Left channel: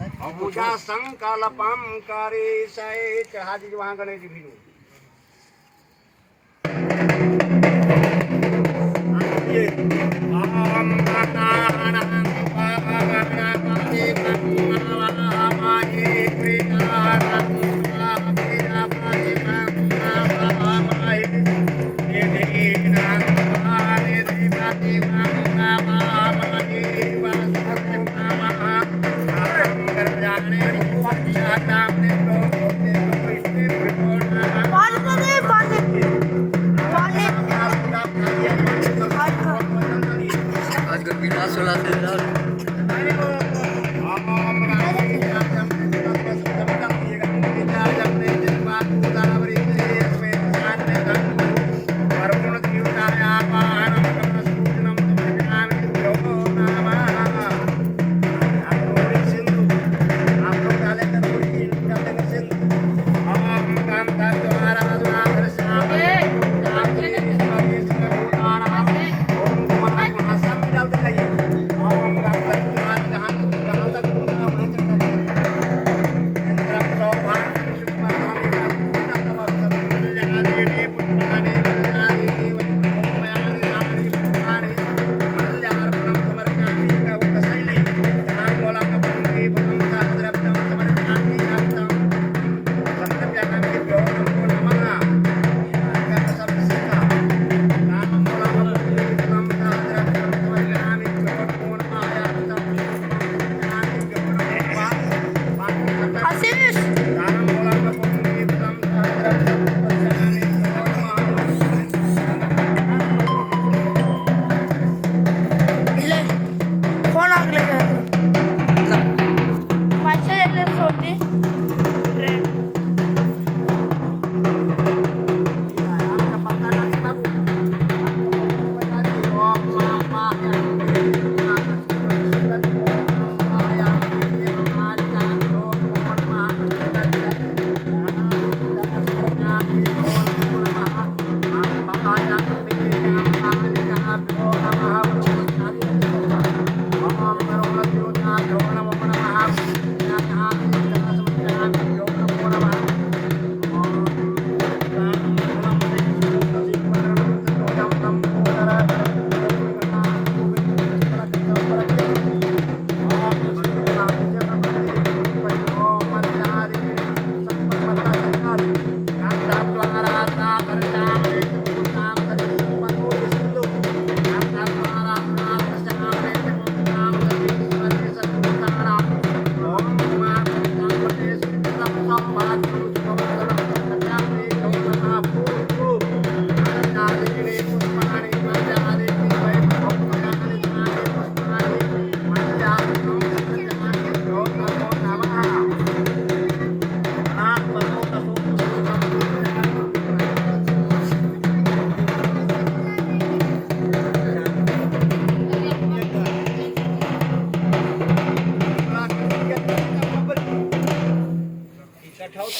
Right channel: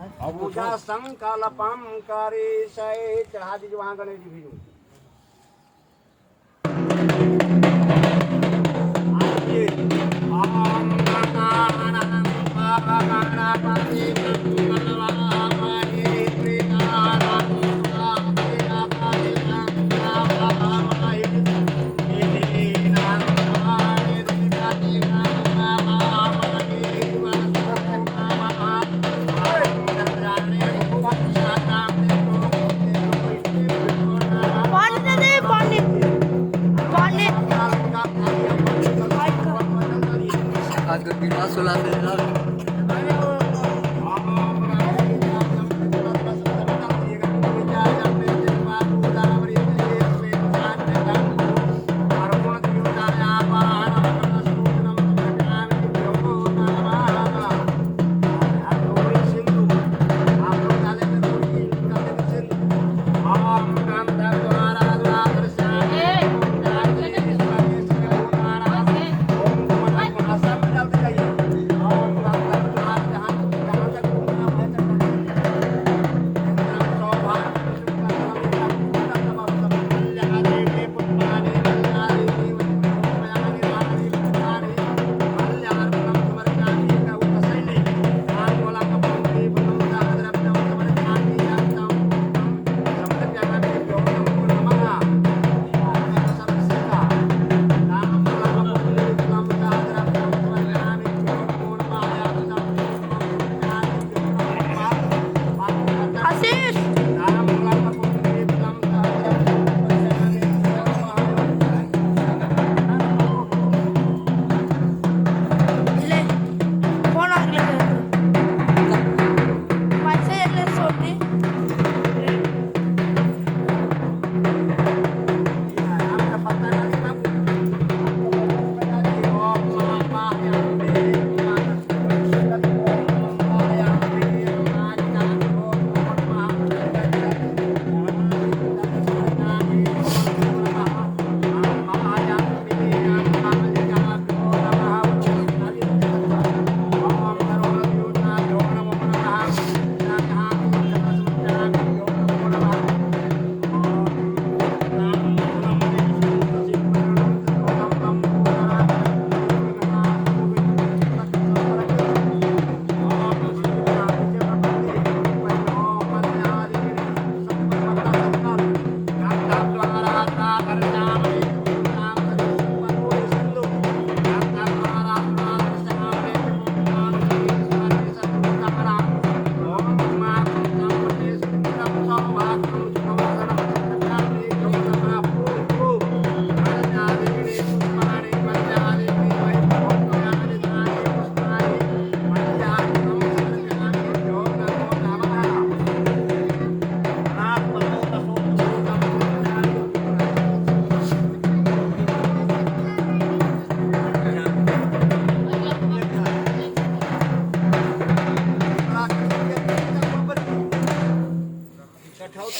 पूजा संकल्पम करे सय चढ़ा दीजिए वहाँ गणेश जी भी ओम गणपति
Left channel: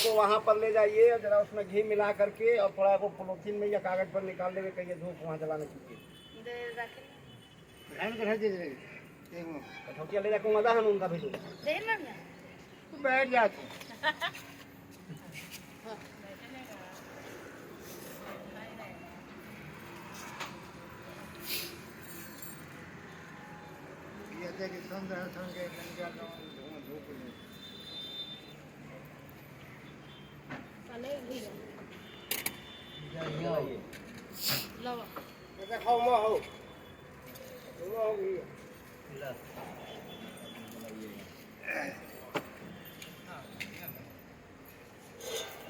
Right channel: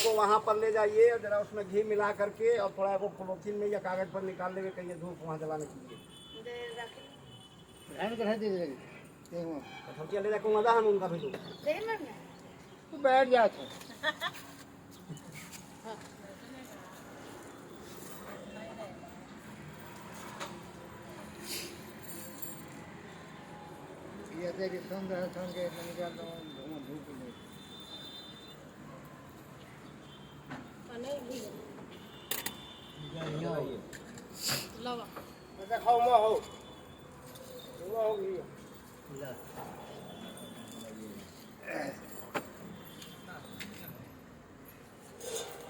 को वहाँ पर ले जाइए जरा उसमें घी मिला करके और थोड़ा वो पॉलिथीन में या कागज पर निकाल लेंगे कहीं धूप वहाँ जलाने के लिए ले जाकर मजा है उनका भी बैठ जाते không mà hổ đúng không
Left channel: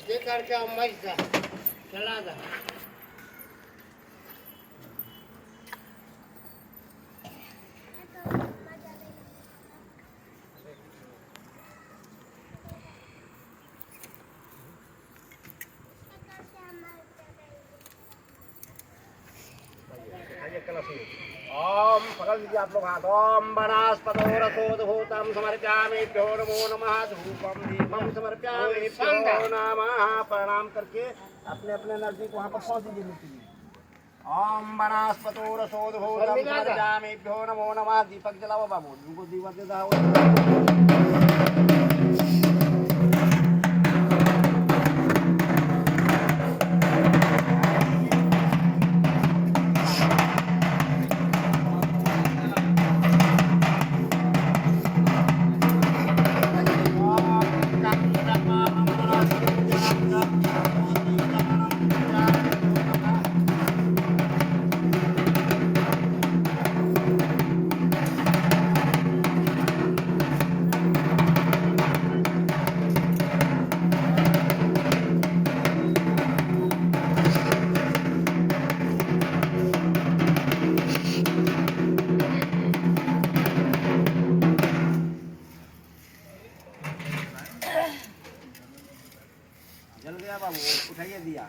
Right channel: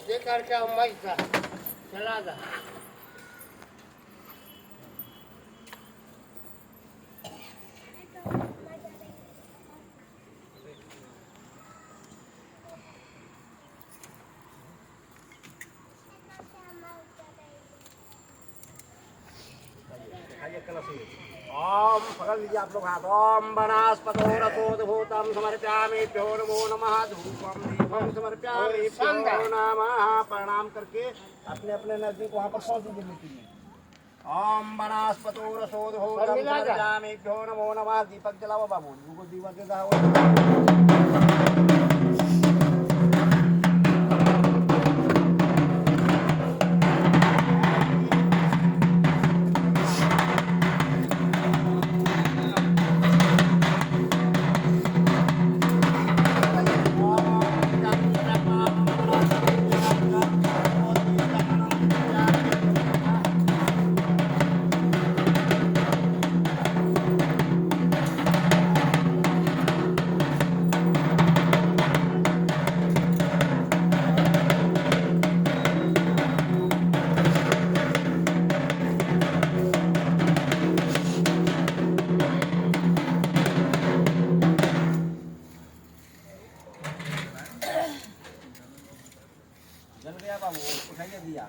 ये करके मस्त था चला था ओम पकड़ लीजिए आप लोग हाथ ओम वनस्पतोरकोद्भूतं समर्पयामि भ्यो नमो नमः धूपं दीपं समर्पयामि भ्यो नमः प्रणाम करके अपने अपने एनर्जी को वहाँ पर पहुँच दीजिए मूर्ति में ओम वनस्पतोरकोद्भूतं समर्पयामि भ्यो नमो नमः दीपक जलाओ बाबू उनको दीपक दे दो बाबू उठाइए दिया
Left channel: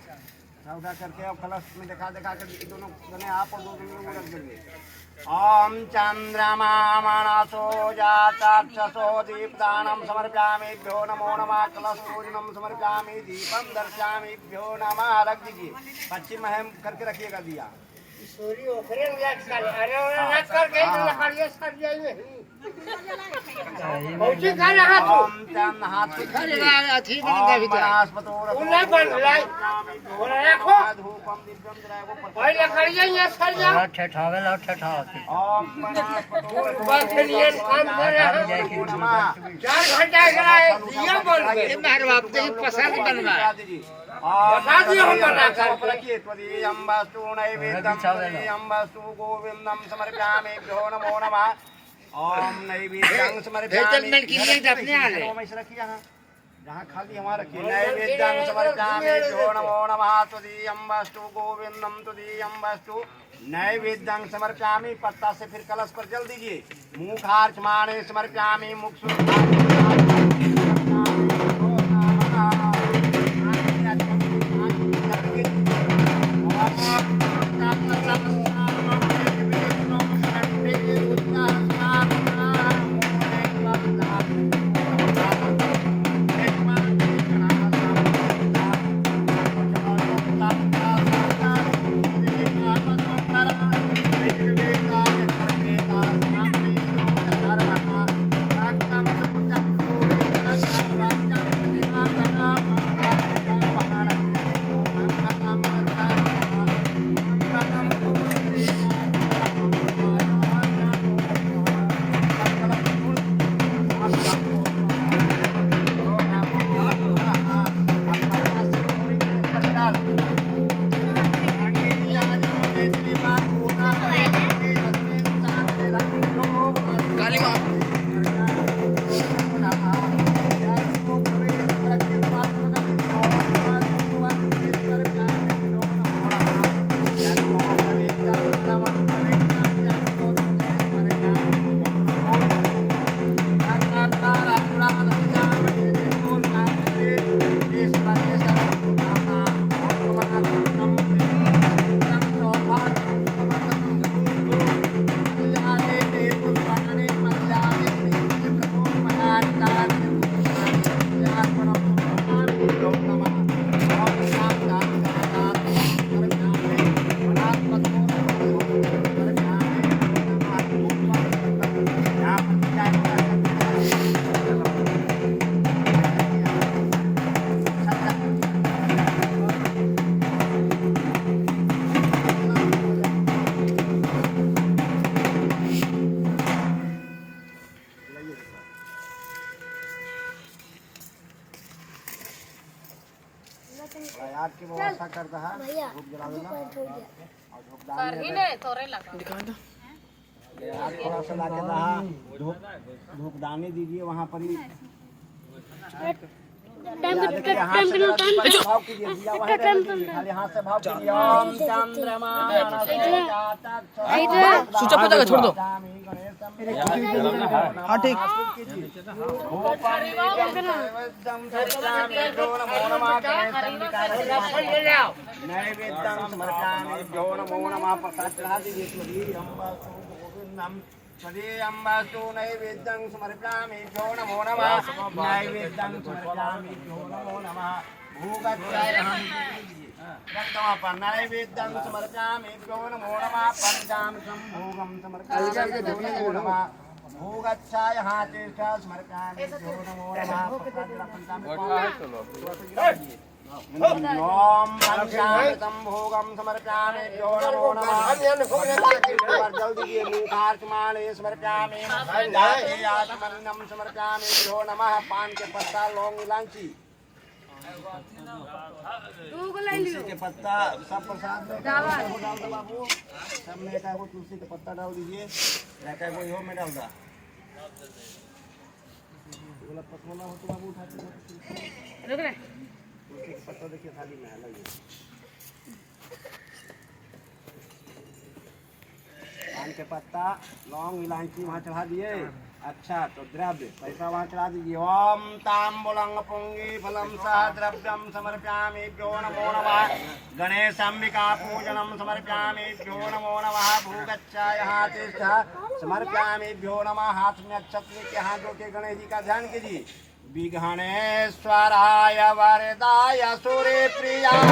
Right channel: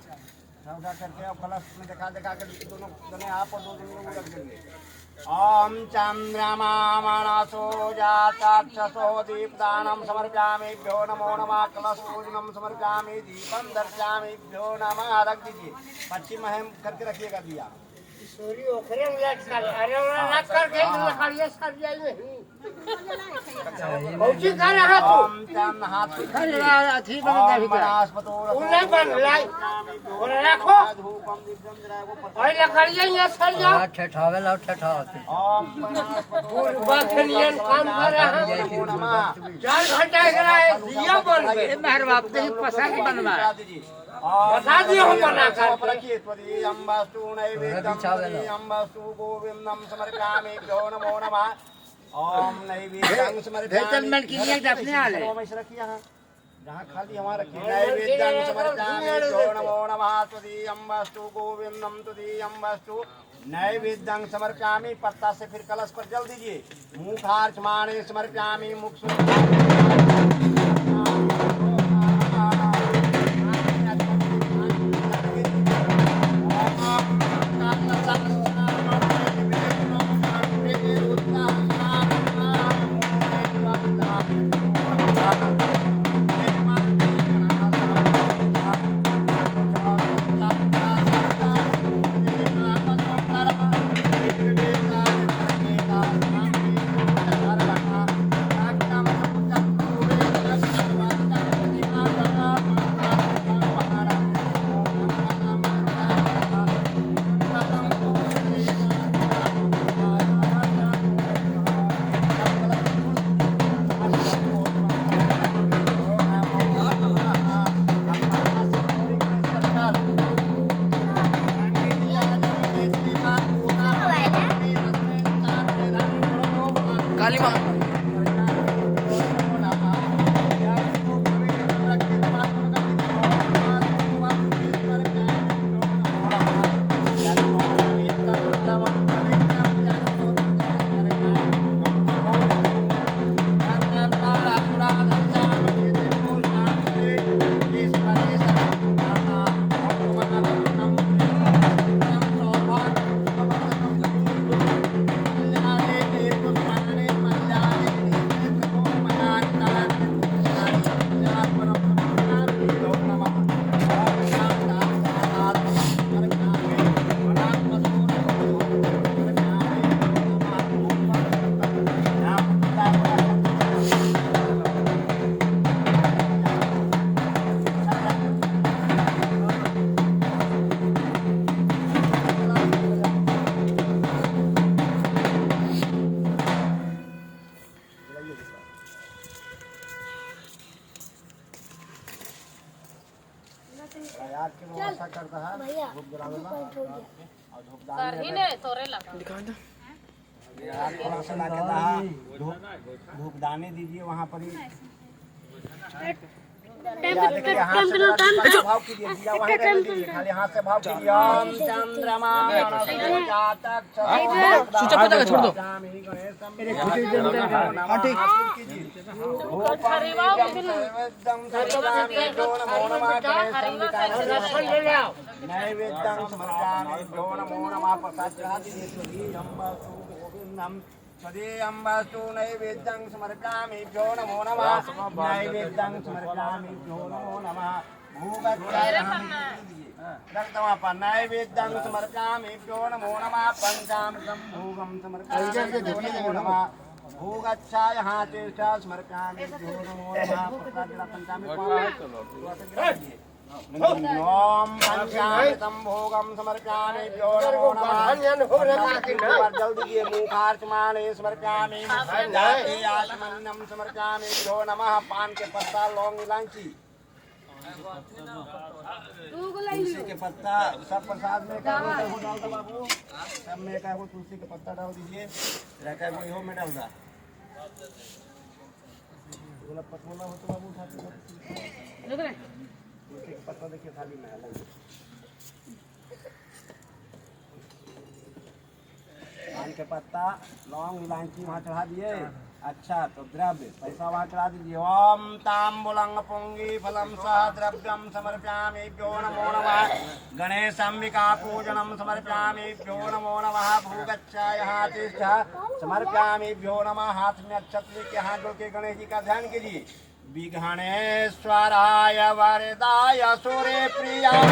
उठा करके अब कलश में दिखा कर दोनों दोनों आप और दो लोग रख देंगे। ओम चंद्रमा मनसो जाताक्षसो दीपदानं समर्पयामिभ्यो नमो नमः कलशपूजनं समर्पयामि दीपं दर्शयामिभ्यो नमः। रख दीजिए पश्चिम महम करके रखिएगा दिया। बता दिए हम बना कर रखिए। त्वदीयं वस्तु नैवेद्यं त्वदीयं वस्तु गोविंदं समर्पयामिभ्यो नमो नमः। ओम नैवेद्यं समर्पयामि रखिए जहाँ खाली हमारा नैवेद्यं समर्पयामिभ्यो नमो नमः। त्वदीयं वस्तु गोविंदं त्वदीयं वस्तु नैवेद्यं समर्पयामि। पत्ता से फिर कलश पर जल दीजिए। मुखार्चमाने समर्पयामि मुख याद की व्यवस्था करता है धूप जला देना और थोड़ा सा ला के दहा धूपदानी दीजिए वहाँ पर ही। खाली हाथ से भाव कीजिए। ओम चंद्रमा छोड़ दो। हाँ ठीक नैवेद्यं समर्पयामिभ्यो नमो नमः। प्रसाद चढ़ा दीजिए। त्वदीयं वस्तु नैवेद्यं समर्पयामिभ्यो नमो नमः। नैवेद्यं समर्पयामिभ्यो नमो नमः। भोगच्चाय नैवेद्यं समर्पयामिभ्यो नमो नमः। पंचामृतं भोगं समर्पयामिभ्यो नमो नमः। भोगच्चाय हातेष्ठा समर्पयामिभ्यो नमो नमः। ओम पंचामृतं भोगं समर्पयामिभ्यो नमो नमः। जल दीजिए। मुखार्चमाने समर्पयामि आचमन्नं समर्पयामिभ्यो नमः। पान के पत्ता लौंग इलायची तुलसी के पत्ता सब प्रसाद में डाल दो बाबू। सब में एक तुलसी के पत्ता डाल दीजिए। वो में डाल दा पतला हो तो बाबू उठा पत्ता देखिए थाली में अलग पान के पत्ता लौंग इलायची वहाँ चढ़ा दिए। अच्छा तो द्रव्य पैसा वहाँ चढ़ा दीजिए। ओम ताम्बूलं पुंगी फलम सह द्रव्यम समर्पयामिभ्यो नमो नमः। गणेशाम्बिका पूजनम समर्पयामिभ्यो नमो नमः। भूगच्छा यहाँ तिष्ठ समर्पयामिभ्यो नमः। हाथ में अक्षत लेके हाथ जोड़ के गणेश जी का ध्यान कीजिए। विघ्नेश्वराय वरदाय सूर्य प्रियाय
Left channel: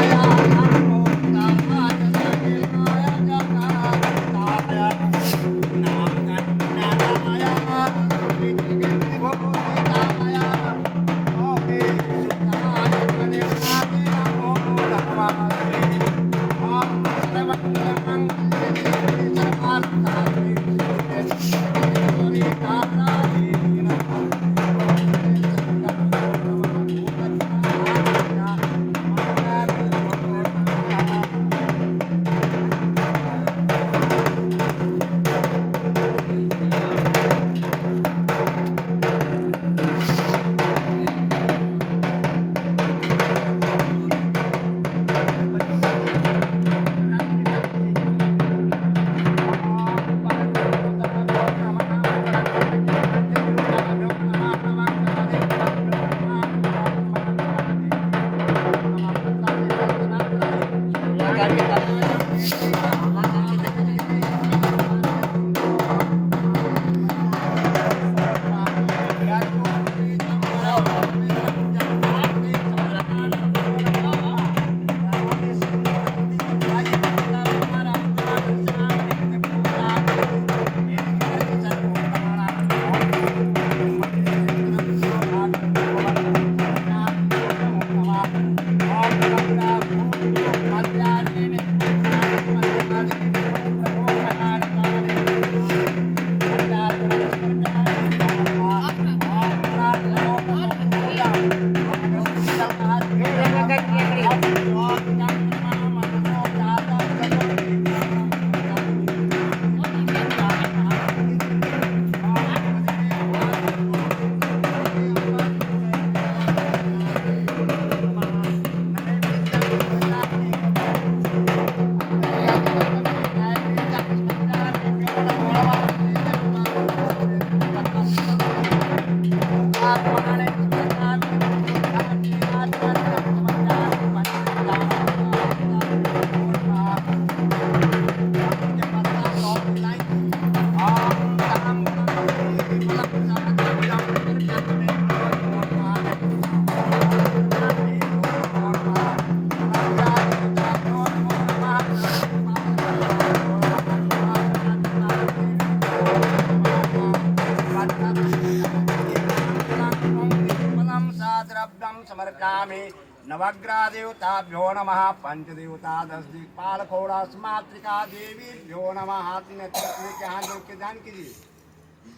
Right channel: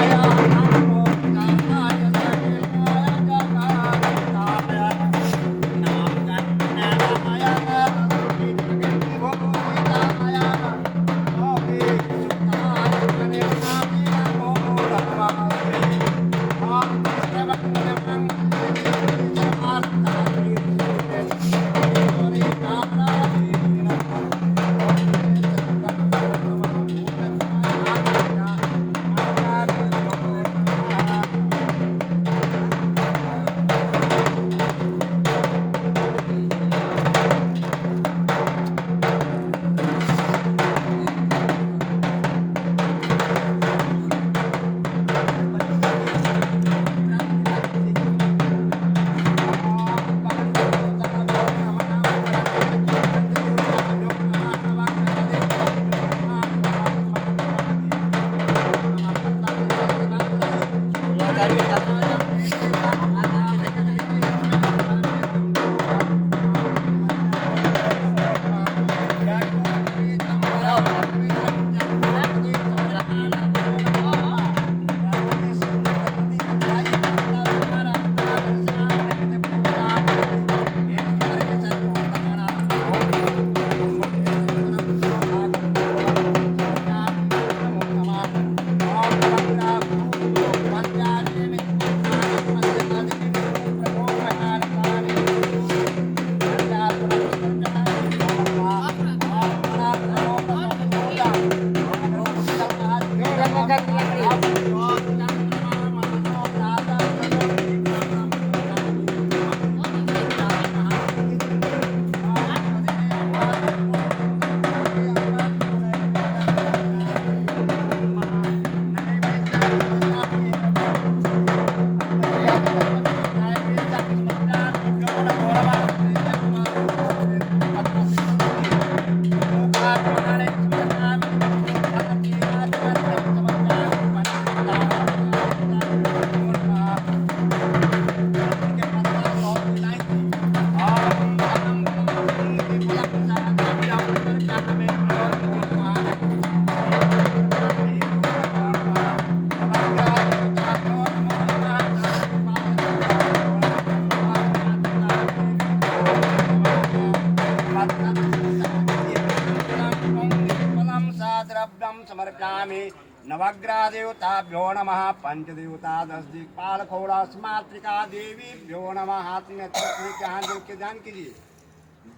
समर्पयामि। नवग्रह देवताभ्यो नमः। पंचदेवता 10 दिक्पाल खोड़ास मातृका देवीभ्यो नमः। हाथ में के हाथ जोड़ के ध्यान कीजिए।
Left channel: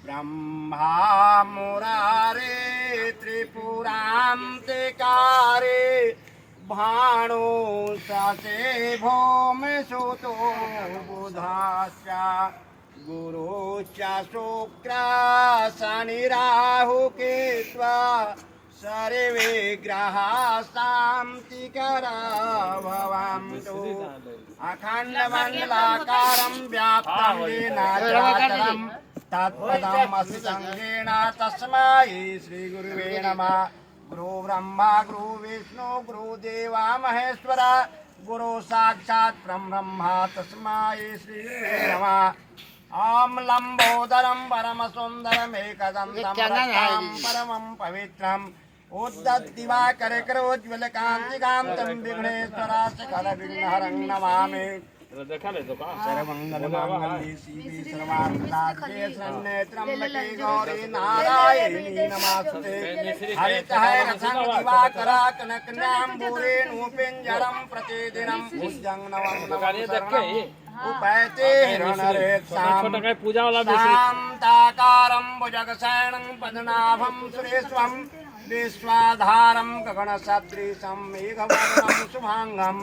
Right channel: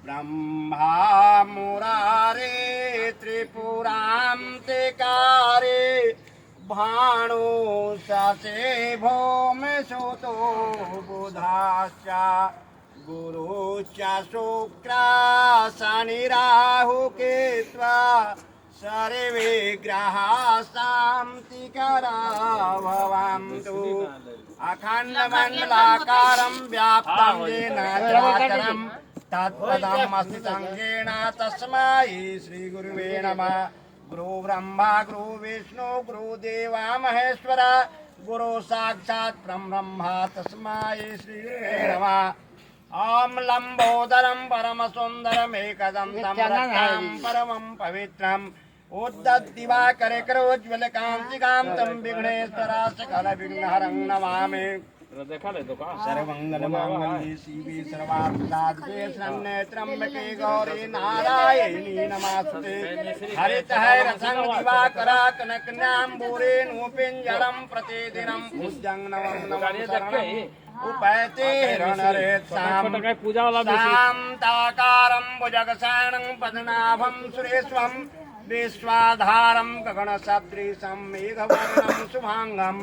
ब्रह्मा मुरारे त्रिपुरांतिकारे भाणु ससे भौम सुतो बुधाश्च गुरु च शुक्र शनि राहु केत्वा सर्वे ग्रहा शान्तिकरा भवन्तु। अखण्डमण्डलाकारं व्याप्तं येन चराचरं तत्पदम् अस्ति संज्ञेन तस्मै श्रीगुरुवे नमः। गुरु ब्रह्मा गुरु विष्णु गुरुदेवा महेश्वर गुरु साक्षात् ब्रह्म तस्मै श्रीगुरुवे नमः। ओम लंबोदरम परम सुंदरम एकदंतम रत्नम परमं पवित्रम उद्दत्दिवाकर करोज्ज्वल कांतिकांतम विघ्नेश्वरा सकल विघ्नहरं नमामि। सर्वमंगलमांगल्ये शिवे सर्वार्थसाधिके शरण्ये त्र्यंबके गौरी नारायणी नमस्ते। हरितहैरथं दिवाकर कनकन्याम्बुरे नूपिञ्जरं प्रतिदिनं पूज्यं नवं नमः उपैते शांताकारं भुजगशयनं पद्मनाभं सुरेश्वरं विश्वाधारं गगनसदृशं मेघवर्णं शुभांगं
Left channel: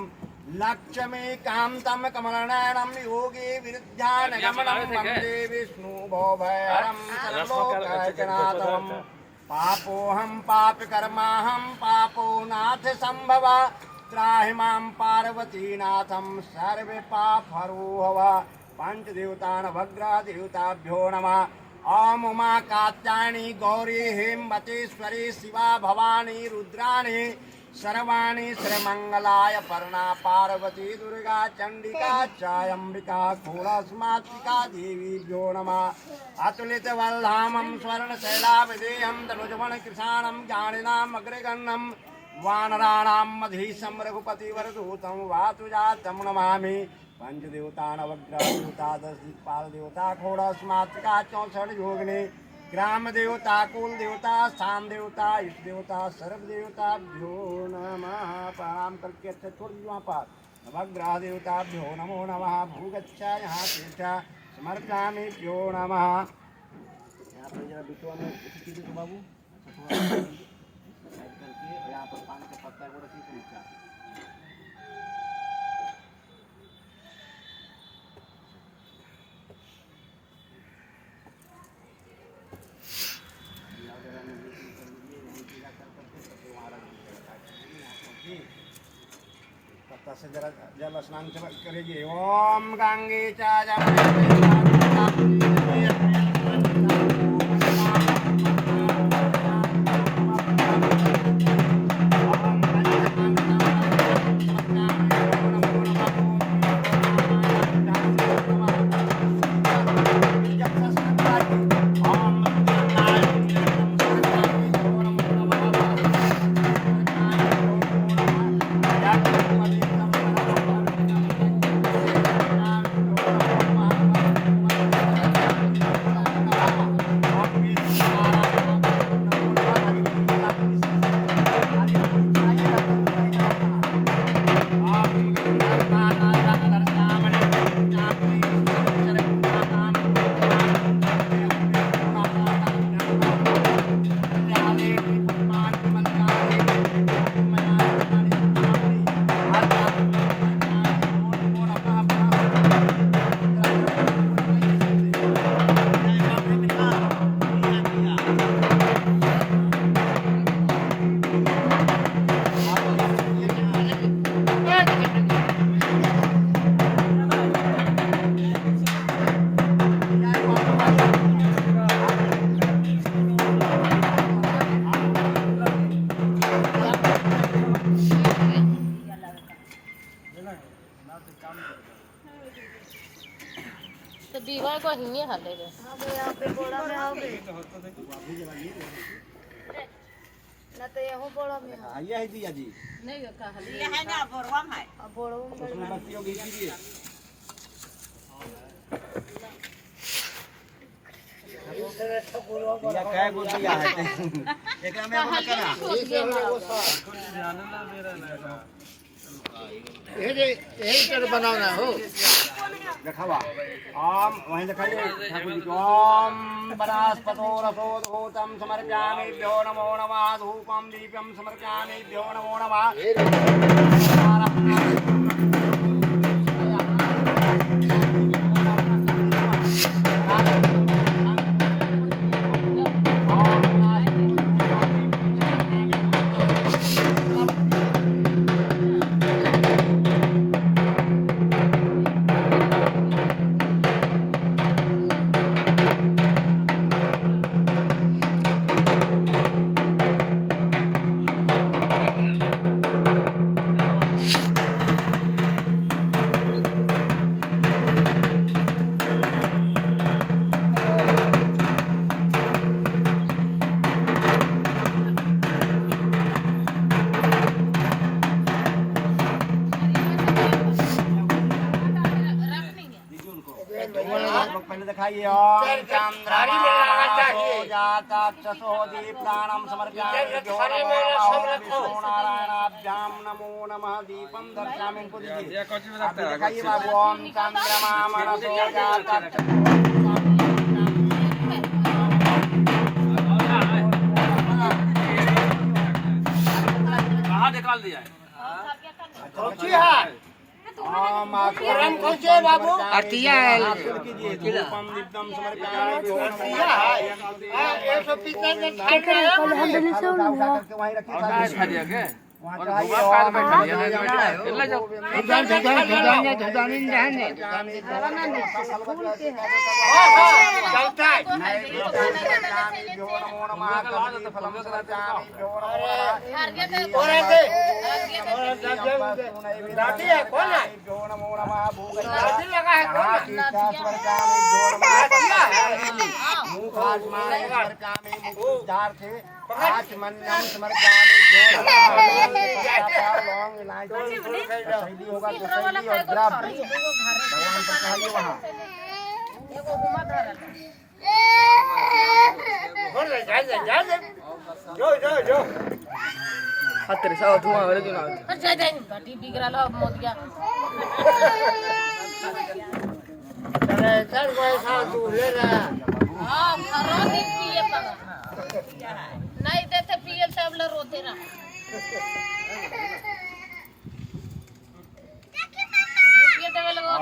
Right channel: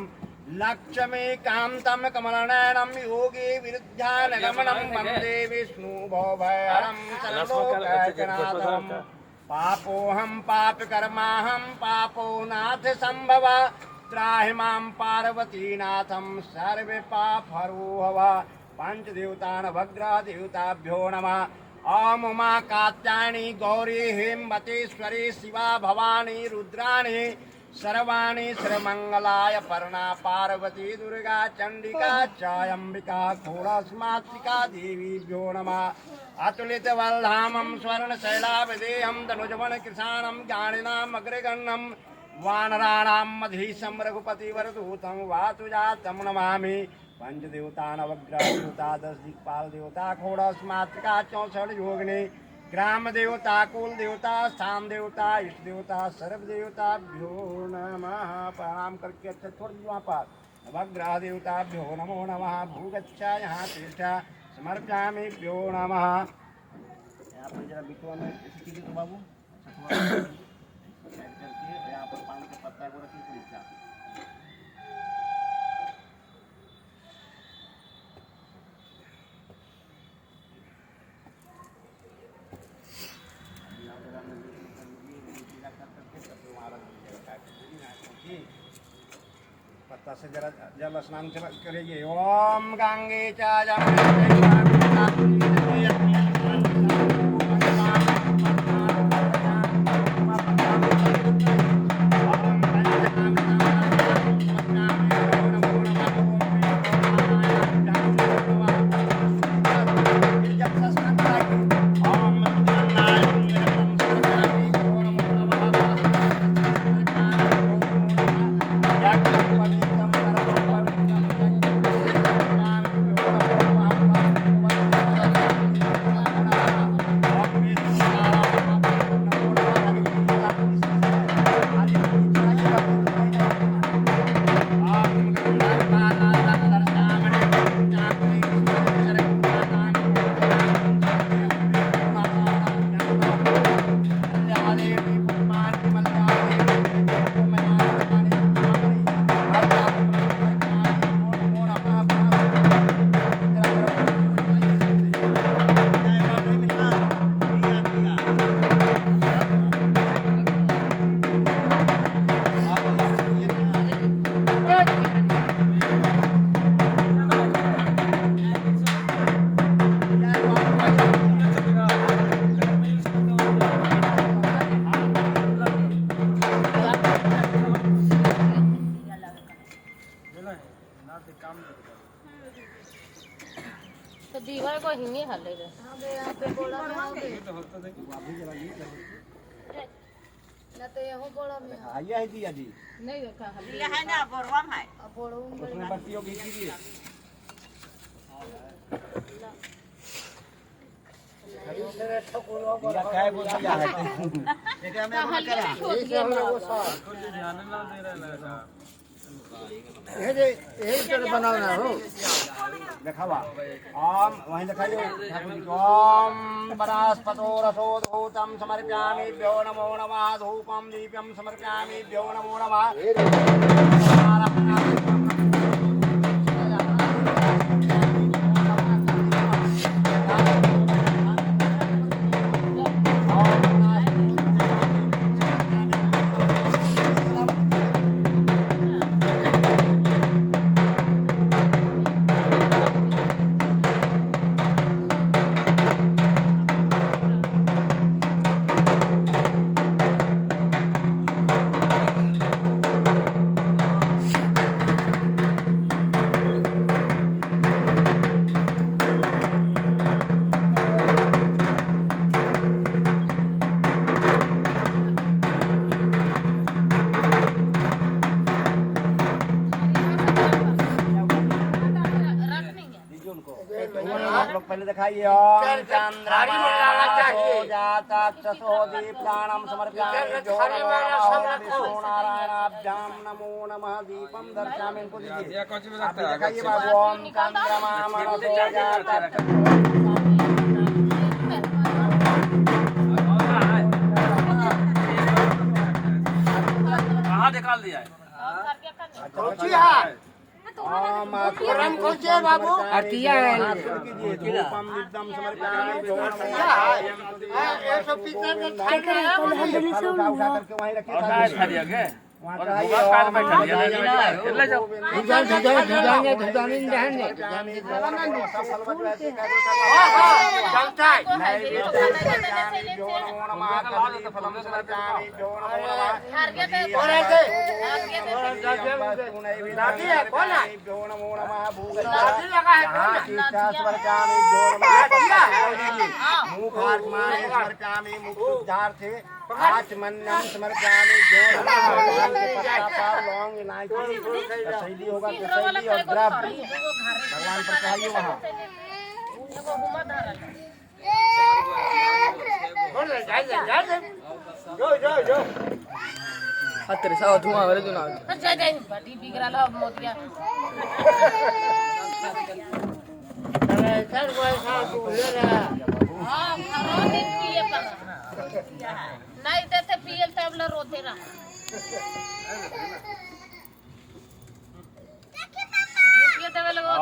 लक्ष्मीकान्तं कमलनयनं योगी विरुध्यानगमनं वन्दे विष्णुभवभयहरं सर्वलोकैकनाथं। पापोऽहं पापकर्माहं पापो नाथ संभव त्राहि मां पार्वतीनाथं सर्वे पापहरो भव। पंचदेवता नवग्रह देवताभ्यो नमः। ओम उमा कात्यायनी गौरी हेमवतीश्वरी शिवा भवानी रुद्राणी सर्वाणि श्रीमंगलाय पर्णा पार्वती दुर्गा चंडिका चायंबिका घोड़ास्मात्मिका देवीभ्यो नमः अतुलित वल्धामं स्वर्णशैलाभिधेयं तनुजवन कृशाणं ज्ञानिनाम् अग्रगण्यं वानराणां मधीशं रघुपतिवरदूतं वातुजातं नमामि पंचदेवता नवग्रहदेवता 10 दिक्पाल देवता घोड़ास्मात्मिका 64 योगिनी ग्राम देवता कुल देवता स्थान देवता इष्ट देवता सर्व देवताभ्यो नमः प्रणाम करके अच्छा छोड़ दीजिए वहाँ पर नवग्रह देवताभ्यो नमो नमः भूगच्छा यहाँ तीर्थ समर्पयामि भ्यो नमः। यहाँ पर जरा बिटुआ में कीजिए तो बाबू करके यहाँ पर पान का पत्ता को रखिए तो उसका पत्ता से जरा जल स्नान करेंगे। ओम गंगे चा तो दीवार को हिंगे हाले रे ना तो ये हो बड़ा में आइए है दिया जी नहीं का हाले ये है ना बोरवा है अब बड़ा उसमें बत्तियों की कीजिए या काय बोलिया है एकरा में वो करा ध्यान ना दे रहा है ये बनाना हो दिखावा ओम वहीं दिखाइए ठाकुर जी ओम वनस्पतो रसोदभूतं समर्पयामि भ्यो नमो नमः धूपं दीपं समर्पयामि भ्यो नमो नमः। आप लोग पहले दिखाइए ओम चंद्रमासो दीप्तानां समर्पयामि भ्यो नमो नमः विष्णुनारायणाभ्यां नमो नमः दीपं दर्शयामि इनको दीजिए आप भी दिखाइए बाबू ओम चंद्रमासो कहाँ निकाल दिया है गरम खोजे बाबू अतिया कीजिए धूपम दीपम समर्पयामि भ्यो नमः 150 में करके वहीं रखिए। वहाँ और चाहिए भोगा पाल में ओम चले भगवते जाओ, जाओ, चले जाओ। शैली होगा तो शैली और द्रव्य भगवान पर चाहिए वहाँ हत्तरे साव धुआं हो रे जुना जय जय बड़ी बिगड़ा लो मोतिया नहीं देते पियल सब लोग रोते रहा रुपये देवे लगा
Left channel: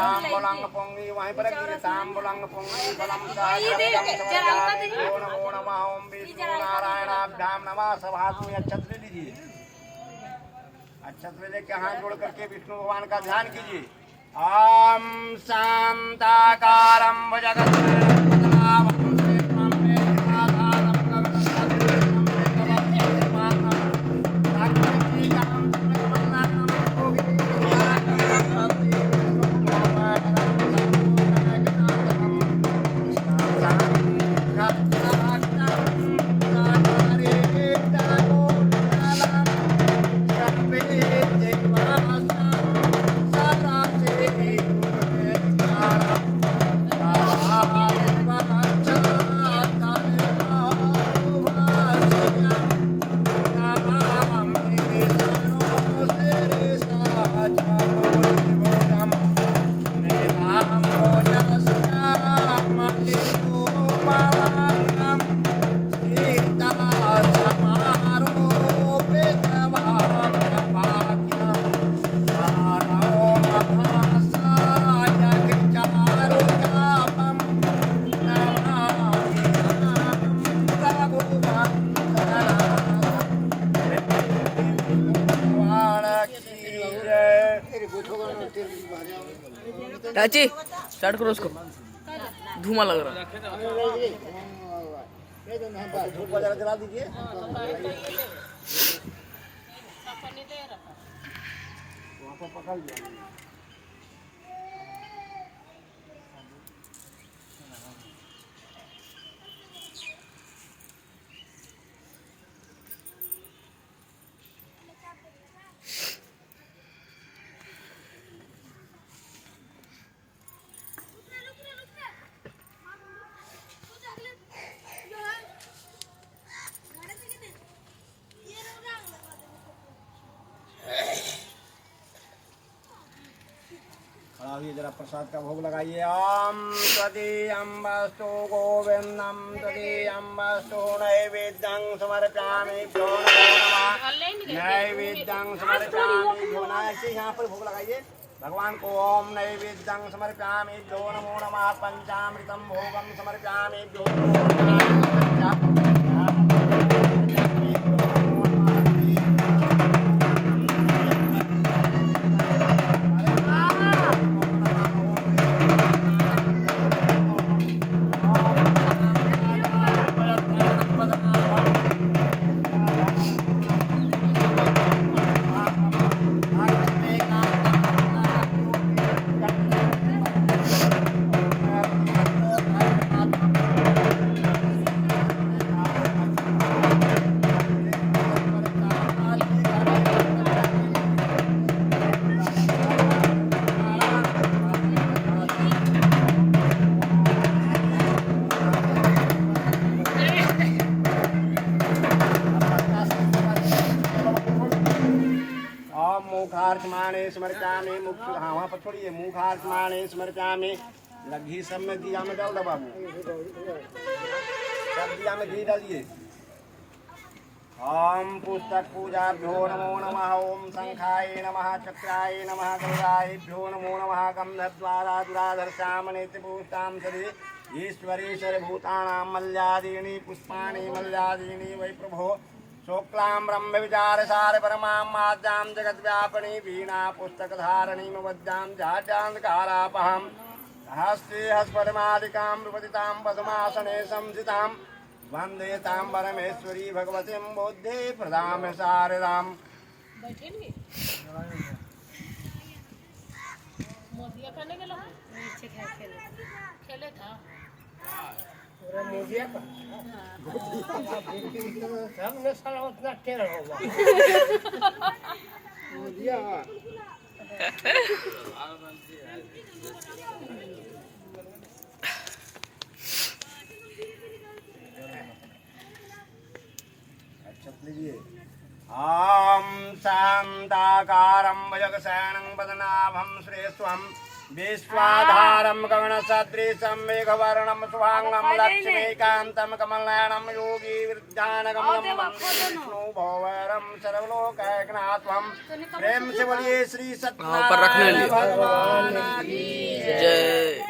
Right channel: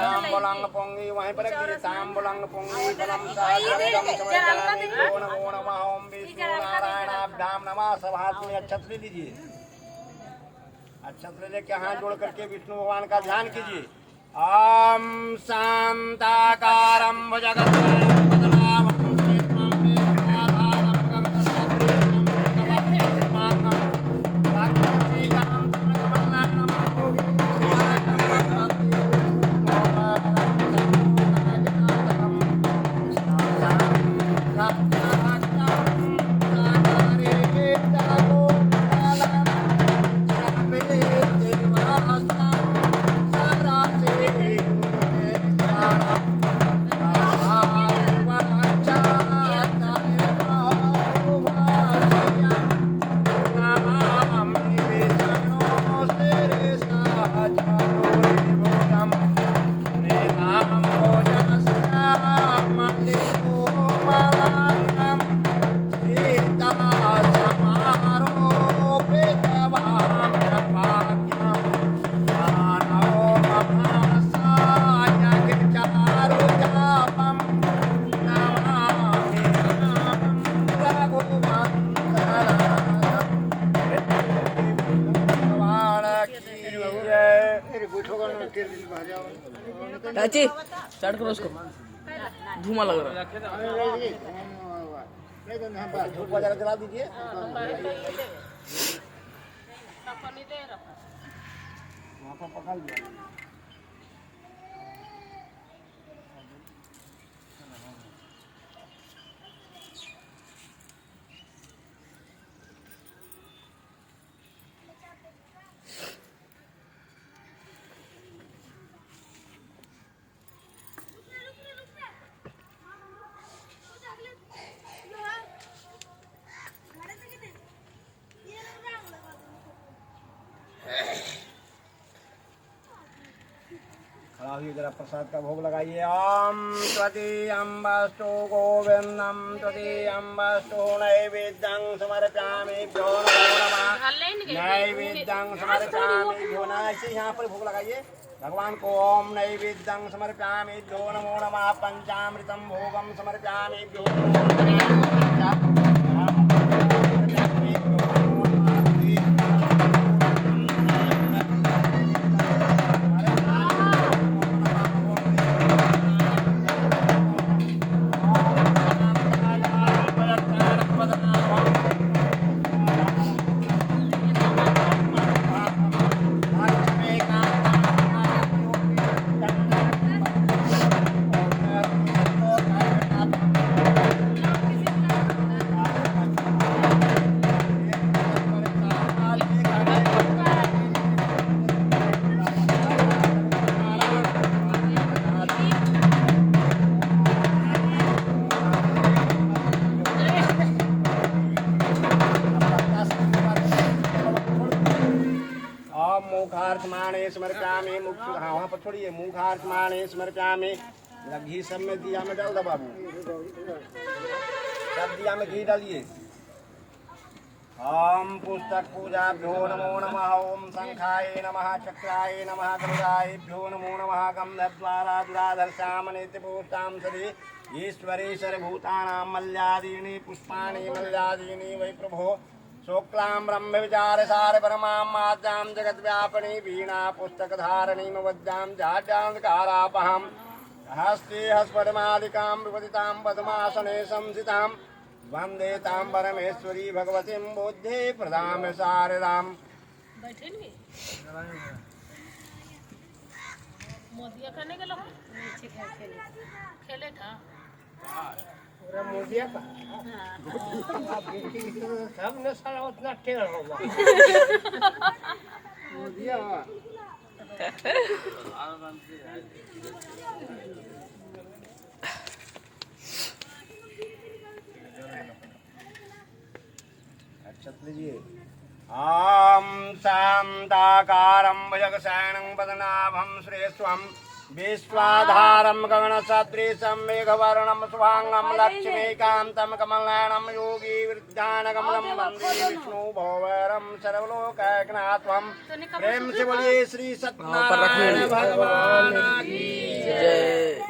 वहीं पर ताम बोलंग पोंगी बलम नमो नमः ओम विष्णु नारायणाभ्याम नमः सब हाथ में अक्षत ले लीजिए अक्षत लेके हाथ जोड़ करके विष्णु भगवान का ध्यान कीजिए ओम शांताकारं भुजगशयनं चाची स्टार्ट करो उसको धुआं लग रहा धूप वगैरह जला दीजिए वहाँ पर पकड़ लिया खड़ा हुई जरा प्रसाद का भोग लगाइए ओम त्वदीयम्बस्तु गोविंदम त्वदीयम्बस्तु नैवेद्यं समर्पयामि भ्यो नमो नमः नैवेद्यं समर्पयामि भ्यो नमः ऐसे यहाँ पर भोग लगाइए भगवान को ओम नैवेद्यं समर्पयामि भ्यो नमो नमः पंचामृतं भोगं समर्पयामि भ्यो नमो नमः मुखार्चमाणे स्मृत्यामि मुख हाँ वहाँ पर छोड़िए मुखार्चमाणे स्मृत्यामि घी सब में दिया में डाल दो बाबू सब दिया में घी डालिए ओम पुस्तक पूजाभ्यो नमो नमः। ओम शंखाय नमः, चक्राय नमः, गरुडाभ्यो नमो नमः। गंधद्वारा दुराधर्षामनेत्यपूष्टां सदि ईश्वरेश्वर भूतानां मल्यादीनि पुष्पाणि मल्यादीनि वै प्रभो। शुक्लां ब्रह्म विचार सार परमां माद्यां जगद्व्यापिनी वीणा पुस्तकधारिणीं वज्जां जाड्यान्धकारापहां हस्ते हस्पटमालिकां विपदितां पद्मासने संस्थितां वन्दे तां परमेश्वरी भगवतीं बुद्धि प्रदां शारदां। बैठे नहीं मोदिया करने के लोग नीचे खेले था पूरा मोदिया का सब ने साला उतना टेढ़ होगा मोदिया लीजिए। आम शांताकारं भुजगशयनं पद्मनाभं श्रेष्ठं विश्वाधारं गगनसदृशं मेघवर्णं शुभांगं लक्ष्मीकान्तं कमलनयनं योगी वृद्धानगमनं वन्दे विष्णु भवरं सर्वलोकैकनाथं। प्रेम से बोलिए श्री सत्यनारायण भगवान की जय।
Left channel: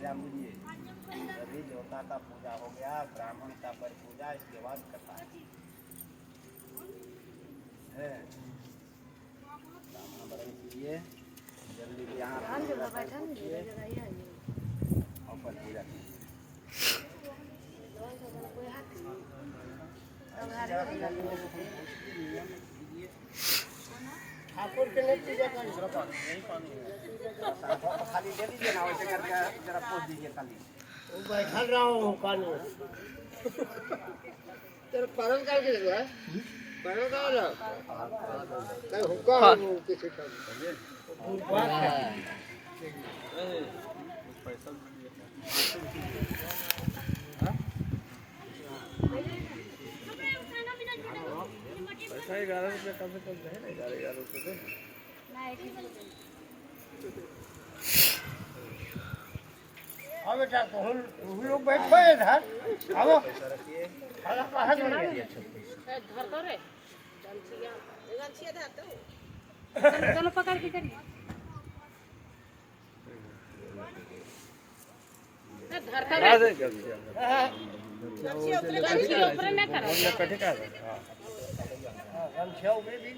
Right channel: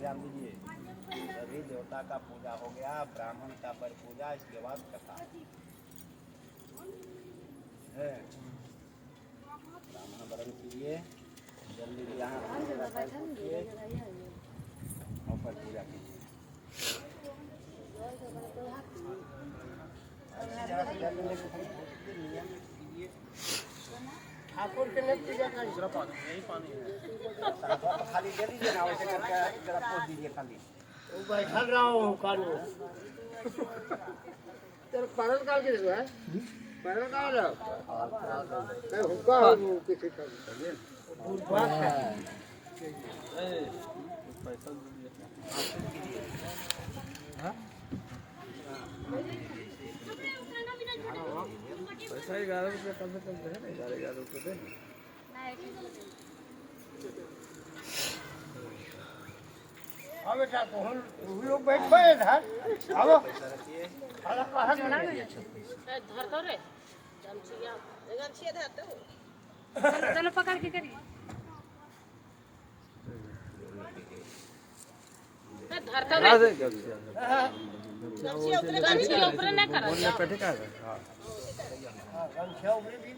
ध्यान दीजिए। सभी देवता का पूजा हो गया, ब्राह्मण का पर पूजा, इसके बाद कथा है। ब्राह्मण वरण कीजिए, जल्दी यहाँ और पर पूजा कीजिए। ठाकुर के लिए पूजा करें खाली दे दीजिए ना, वैसे करके जरा पोछ दीजिए खाली। बैठा रहा हूँ कानू तेरे परल काल के देखो है परल काल मैं हुक्का हूँ किसी का पैसा 11 रुपये कम से कम है ना 11 रुपये हाँ बेटा तो हम लोग बैठो इधर आओ खाना कहाँ बना धर दो रे चलो पकड़ के करिए धर दो रे गमछी ऊपर ना करा संख्या ऊपर भी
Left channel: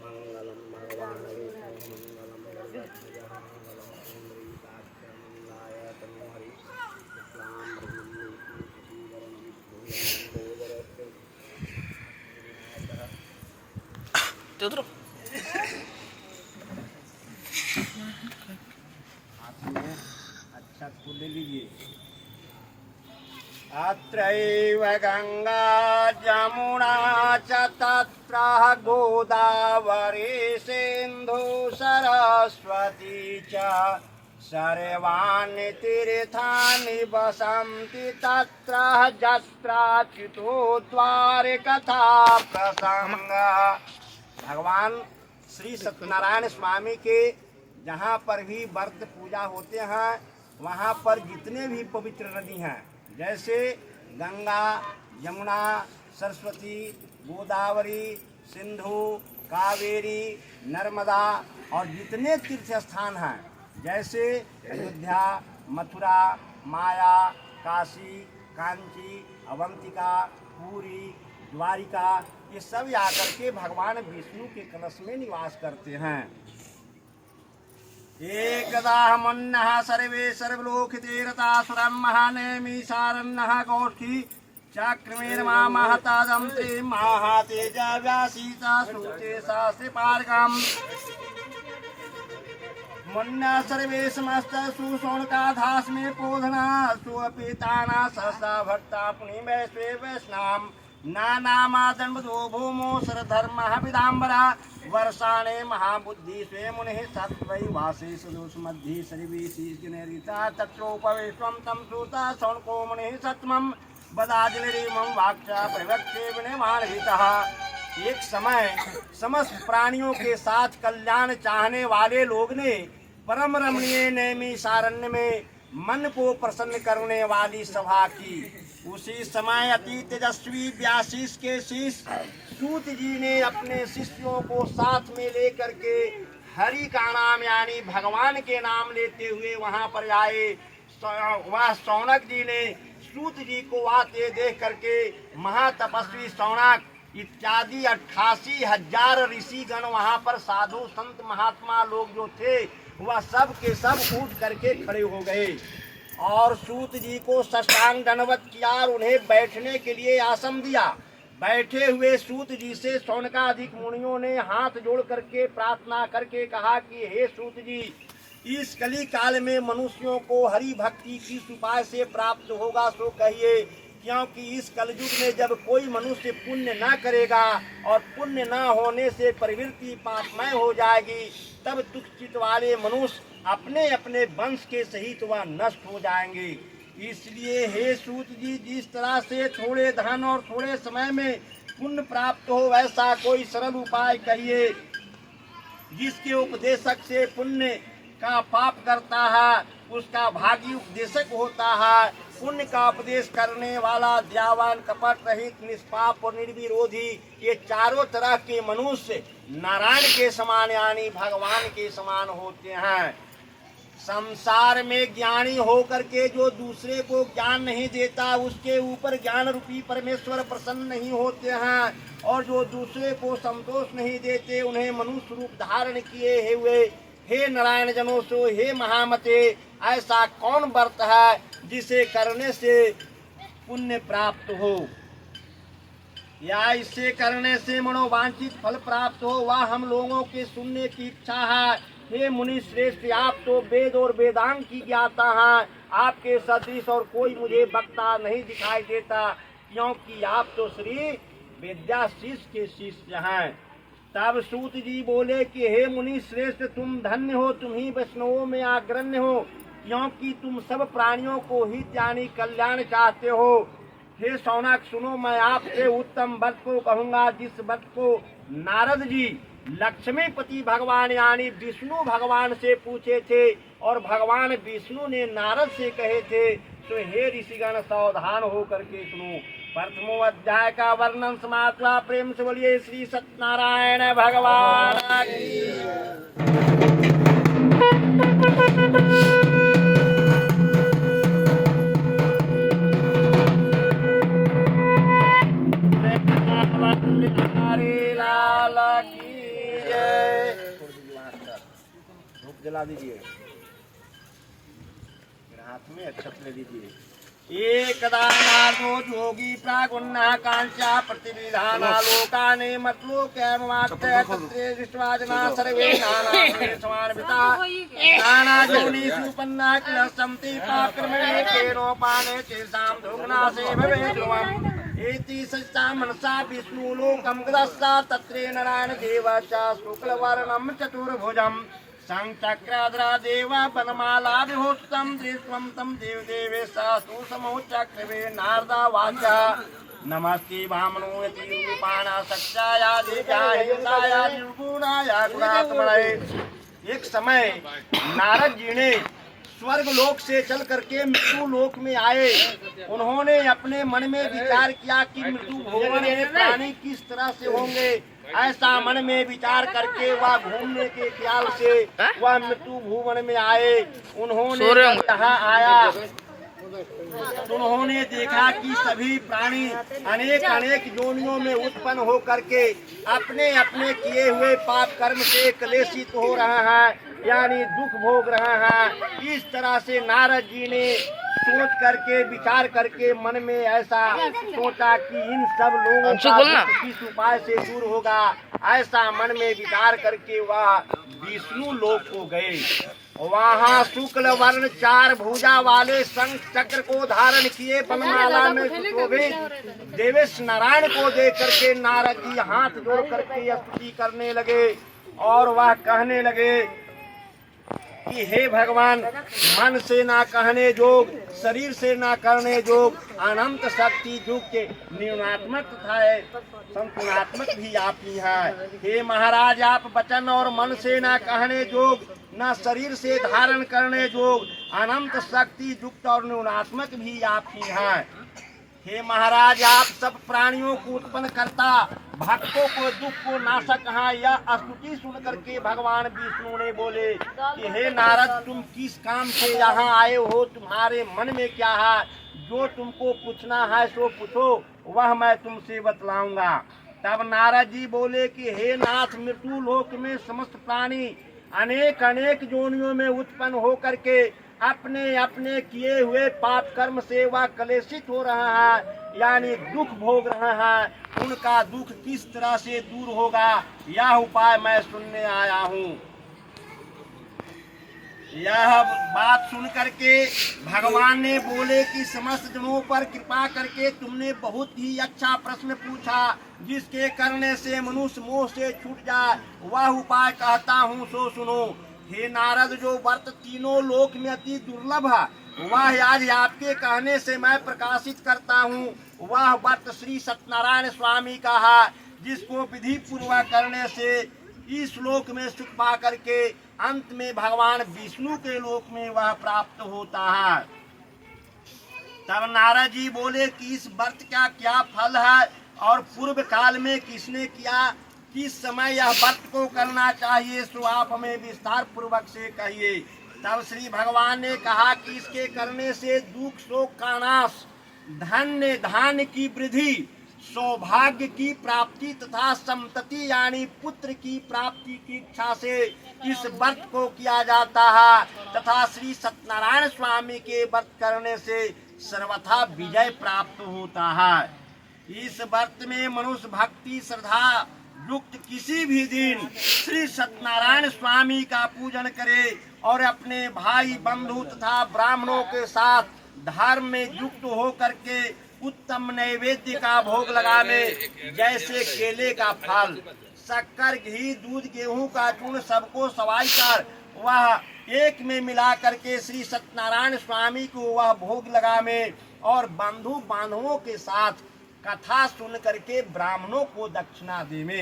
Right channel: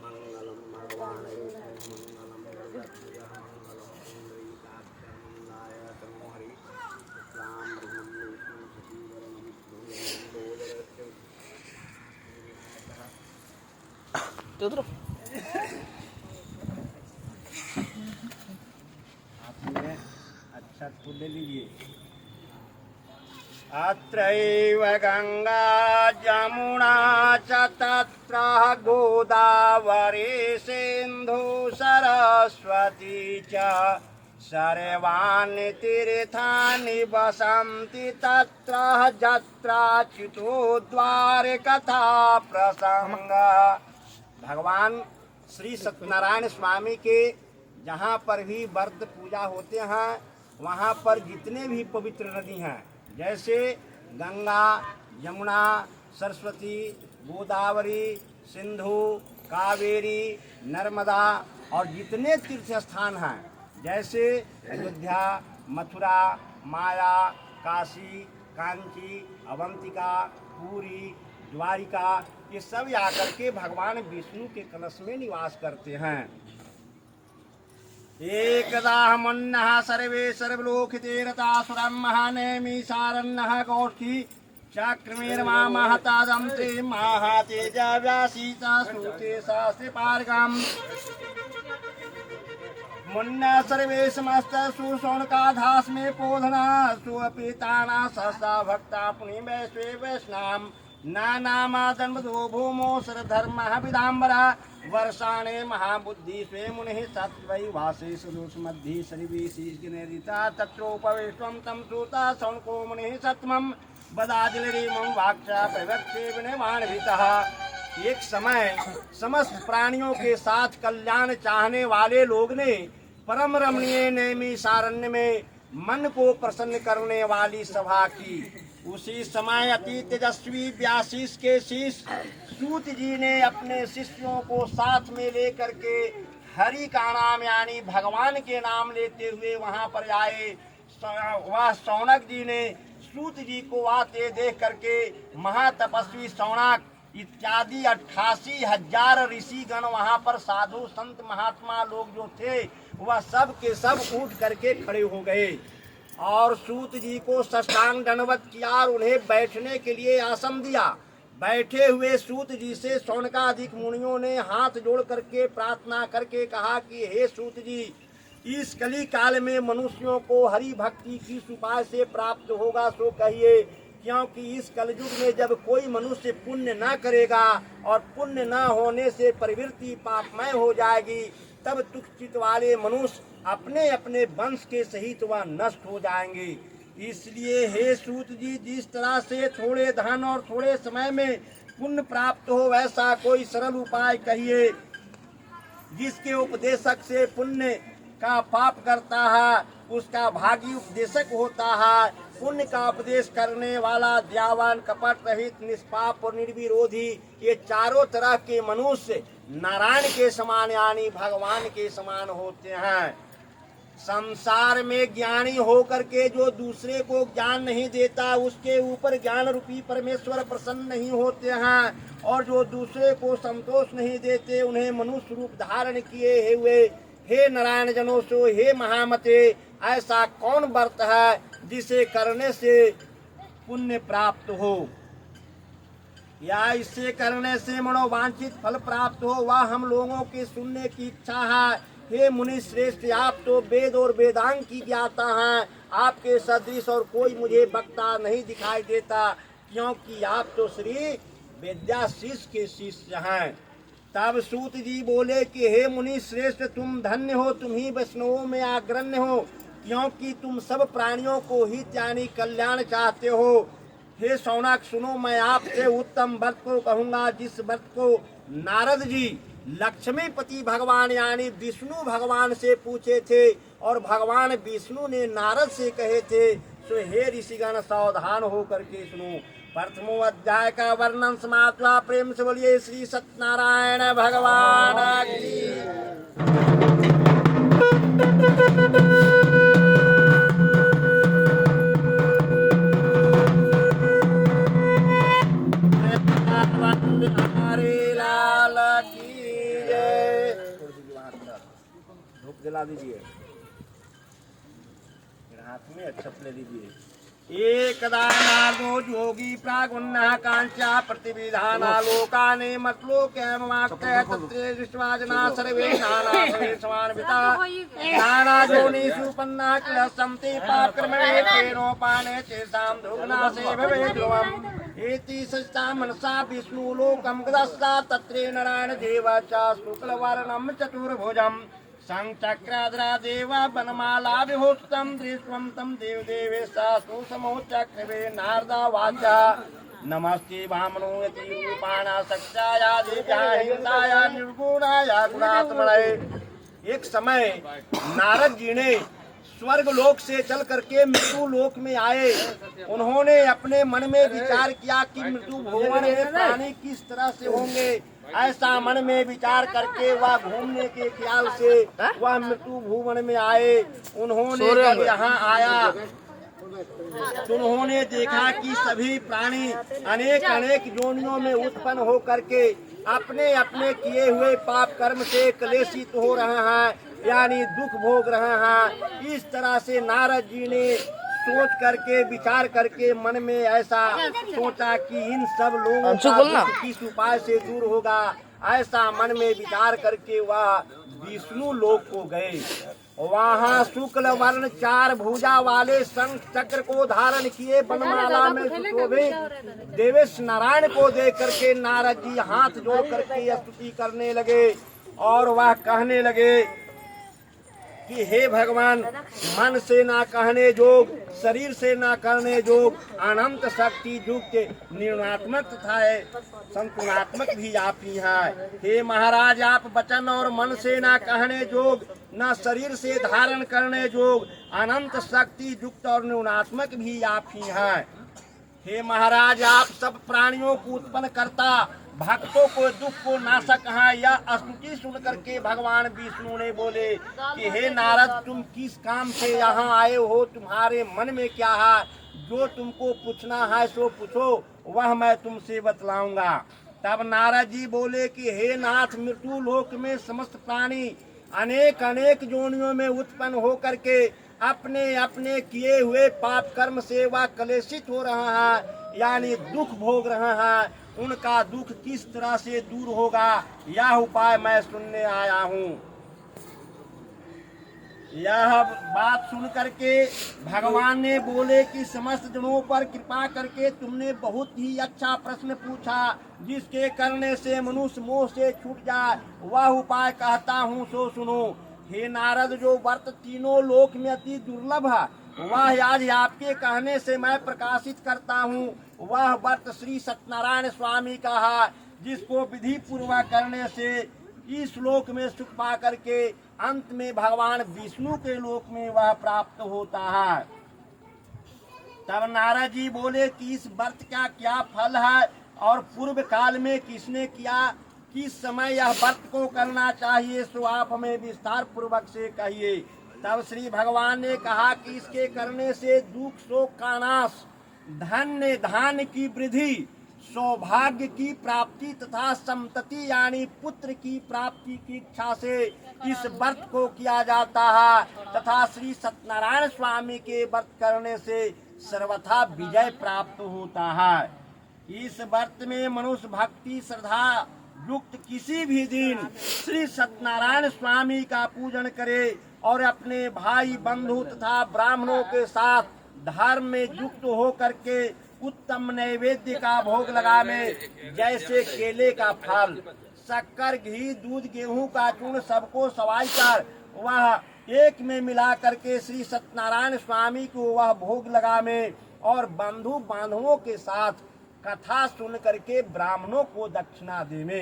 मंगलम भगवान उतरो। अच्छा फूल ले लीजिए। अत्रैव गंगा जमुना च तत्र गोदावरी सिंधु सरस्वती च सर्वाणि तीर्थानि वसन्ति तत्र जत्राच्युतो द्वारे कथा प्रसंग। भगवान श्री सत्यनारायण स्वामी के जहाँ पर भी व्रत पूजा होते हैं वहाँ पर जितने भी पवित्र नदी हैं जैसे गंगा, यमुना, सरस्वती, गोदावरी, सिंधु, कावेरी, नर्मदा और जितने तीर्थ स्थान हैं जैसे अयोध्या, मथुरा, माया, काशी, कांची, अवंतिका, पुरी, द्वारिका, ये सब आकर के भगवान विष्णु के कलश में निवास करते हैं। एकदा मन्नः सर्वे सर्वलोकिते रतासुरं महानेमि सारन्नः कौष्ठी चक्रमेर्मा महतादं ते महातेजा व्यासीता श्रुते शास्त्रे पारगम्। मुन्ना सर्वे समस्त सुशौनकाधास में पोधना सुअपिताना सहसा भक्ता पुनि वैश्वे वैष्णाम नानामादन्वदो भूमो सरधर्मः विदाम्बरा वर्षाणे महाबुद्धि स्वे मुनिः सत्वै वासे सुदुष्मध्ये श्रीवीशीर्गिरिता तत्रोपवेश्वं तं श्रुता शौनको मुनिः सत्मं बदादिलरीमं वाक्चा प्रवक्षे विनिर्माणहितः। एक समय समस्त प्राणियों के साथ कल्याण चाहने वाले लोग ने परम रमणीय नैमिषारण्य में मन को प्रसन्न करने वाली सभा की। उसी समय अति तेजस्वी व्यासीष के शिष्य सूत जी ने अपने शिष्यों को साथ में लेकर के हरि का नाम यानी भगवान के नाम लेते हुए वहां पर आए। वह शौनक जी ने सूत जी को आते देख करके महातपस्वी शौनक इत्यादि 88,000 ऋषिगण वहां पर साधु संत महात्मा लोग जो थे वह सब के सब उठ करके खड़े हो गए और सूत जी को साष्टांग दंडवत किया और उन्हें बैठने के लिए आसन दिया। बैठे हुए सूत जी से शौनकादिक मुनियों ने हाथ जोड़ करके प्रार्थना करके कहा कि हे सूत जी, इस कली काल में मनुष्यों को हरि भक्ति किस उपाय से प्राप्त होगा सो कहिए, क्योंकि इस कलयुग में जब कोई मनुष्य पुण्य न करेगा और पुण्य न होने से प्रवृत्ति पापमय हो जाएगी, तब तुच्छित वाले मनुष्य अपने अपने वंश के सहित वह नष्ट हो जाएंगे। इसलिए हे सूत जी, जिस तरह से थोड़े धन और थोड़े समय में पुण्य प्राप्त हो वैसा कोई सरल उपाय कहिए जिसके उपदेशक से पुण्य का पाप करता है उसका भागी उपदेशक होता है। पुण्य का उपदेश करने वाला दयावान कपट रहित निष्पाप और निर्विरोधी ये चारों तरह के मनुष्य नारायण के समान यानी भगवान के समान होते हैं। संसार में ज्ञानी होकर के जो दूसरे को ज्ञान नहीं देता उसके ऊपर ज्ञान रूपी परमेश्वर प्रसन्न नहीं होते हैं, और जो दूसरे को संतोष नहीं देते उन्हें मनुष्य रूप धारण किए हुए हे नारायण जनों सो हे महामते, ऐसा कौन व्रत है जिसे करने से पुण्य प्राप्त हो या इसे करने से मनोवांछित फल प्राप्त हो, वह हम लोगों के सुनने की इच्छा है। हे मुनि श्रेष्ठ, आप तो वेद और वेदांग की ज्ञाता हैं, आपके सदृश और कोई मुझे वक्ता नहीं दिखाई देता, क्योंकि आप तो श्री वेद्याशीष के शिष्य हैं। तब सूत जी बोले कि हे मुनि श्रेष्ठ, तुम धन्य हो, तुम ही वैष्णवों में अग्रण्य हो, क्योंकि तुम सब प्राणियों को हित यानी कल्याण चाहते हो। हे शौनक सुनो, मैं आपसे उत्तम व्रत को कहूँगा जिस व्रत को नारद जी लक्ष्मीपति भगवान यानी विष्णु भगवान से पूछे थे और भगवान विष्णु ने नारद से कहे थे। तो हे ऋषिगण सावधान हो करके सुनो। प्रथमो अध्याय का वर्णन समाप्त हुआ। प्रेम से बोलिए श्री सत्यनारायण भगवान की। जला दीजिए, हाथ में अक्षत ले दीजिए। एकदा नारदो जोगी प्रागुन्नः कांच्या प्रतिविधानालोकाने मतलोक्यमाक्तः तत्रे दृष्ट्वा जनाः सर्वे नानाविधे समान्विता नानाजोनिषु पन्ना किल सन्ति पापकर्मणे तेनोपाने तेषां दुर्गुणासे भवेत् ध्रुवम्। एति सचिता मनसा विष्णुलोकं गतस्ता तत्रे नारायण देवः च शुक्लवर्णं चतुर्भुजम् संचक्राद्रा देव वनमाला विभूषितं दृष्ट्वा तं देवदेवेशास्तु समोचक्रवे नारदा वाचा नमस्ते वामनोऽति रूपाणा सत्याया देव्याय हिताया निर्गुणाया गुणात्मने। एक समय नारद जी ने स्वर्ग लोक से चल करके मृत्यु लोक में आए। उन्होंने अपने मन में विचार किया कि मृत्यु भुवन में प्राणी किस तरह से होंगे। ऐसा मन में विचार करके वह घूमने के ख्याल से वह मृत्यु भुवन में आए। उन्होंने यहाँ आया तो उन्होंने देखा कि सभी प्राणी अनेक अनेक योनियों में उत्पन्न हो करके अपने अपने किए हुए पाप कर्म से क्लेशित हो रहा है यानी दुख भोग रहा है। इस तरह से नारद जी ने सोच करके विचार करके मन में ऐसा सोचा कि इन सब लोगों का किस उपाय से दूर होगा। ऐसा मन में विचार करके वह विष्णु लोक को गए वहाँ शुक्ल वर्ण 4 भुजा वाले शंख चक्र को धारण किए बनमाला में सुशोभित देवेश नारायण को देख करके नारद जी हाथ जोड़ करके स्तुति करने लगे और वह कहने लगे कि हे भगवान, मन से ना कहने जोग, शरीर से ना करने जोग, अनंत शक्ति युक्त निर्णात्मक तथा संतुलात्मक भी आप ही है। हे महाराज, आप वचन और मन से ना कहने जोग, न शरीर से धारण करने जोग, अनंत शक्ति युक्त और निर्णात्मक भी आप ही है। हे महाराज, आप सब प्राणियों को उत्पन्न करता, भक्तों को दुख को नाशक है। यह स्तुति सुन करके भगवान विष्णु ने बोले कि हे नारद, तुम किस काम से यहाँ आए हो, तुम्हारे मन में क्या है? जो तुमको पूछना है सो पूछो, वह मैं तुमसे बतलाऊंगा। तब नारद जी बोले कि हे नाथ, मृत्यु लोक में समस्त प्राणी अनेक अनेक जोनियों में उत्पन्न हो करके अपने अपने किए हुए पाप कर्म से वह कलेशित हो रहा है, यानी दुख भोग रहा है। उनका दुख किस तरह से दूर होगा, यह उपाय मैं सुनने आया हूँ। यह बात सुन करके भगवान ने बोले कि समस्त जनों पर कृपा करके तुमने बहुत ही अच्छा प्रश्न पूछा, जिसके करने से मनुष्य मोह से छूट जाए, वह उपाय कहता हूँ सो सुनो। हे नारद, जो व्रत तीनों लोक में अति दुर्लभ है, वह आज आपके कहने से मैं प्रकाशित करता हूँ। वह व्रत श्री सत्यनारायण स्वामी का है, जिसको विधि पूर्वक करने से इस लोक में सुख पा करके अंत में भगवान विष्णु के लोक में वह प्राप्त होता है। तब नारद जी बोले कि इस व्रत का क्या फल है और पूर्व काल में किसने किया, किस समय यह व्रत को करना चाहिए, सो आप हमें विस्तार पूर्वक से कहिए। तब श्री भगवान ने कहा कि इसके करने से दुख शोक का नाश, धन्य धान्य की वृद्धि, सौभाग्य की प्राप्ति तथा संतति यानी पुत्र की प्राप्ति की इच्छा से इस व्रत को किया जाता है, तथा श्री सत्यनारायण स्वामी के व्रत करने से सर्वथा विजय प्राप्त होता है। इस व्रत में मनुष्य भक्ति श्रद्धा युक्त किसी भी दिन श्री सत्यनारायण स्वामी का पूजन करे और अपने भाई बंधु तथा ब्राह्मणों के साथ धर्म में युक्त हो करके उत्तम नैवेद्य का भोग लगावे, जैसे केले का फल, शक्कर, घी, दूध, गेहूं का चूर्ण सबको सवाई कर वह एक में मिला करके श्री सत्यनारायण स्वामी को वह भोग लगावे और बंधु बांधवों के साथ कथा सुन करके ब्राह्मणों को दक्षिणा देवे।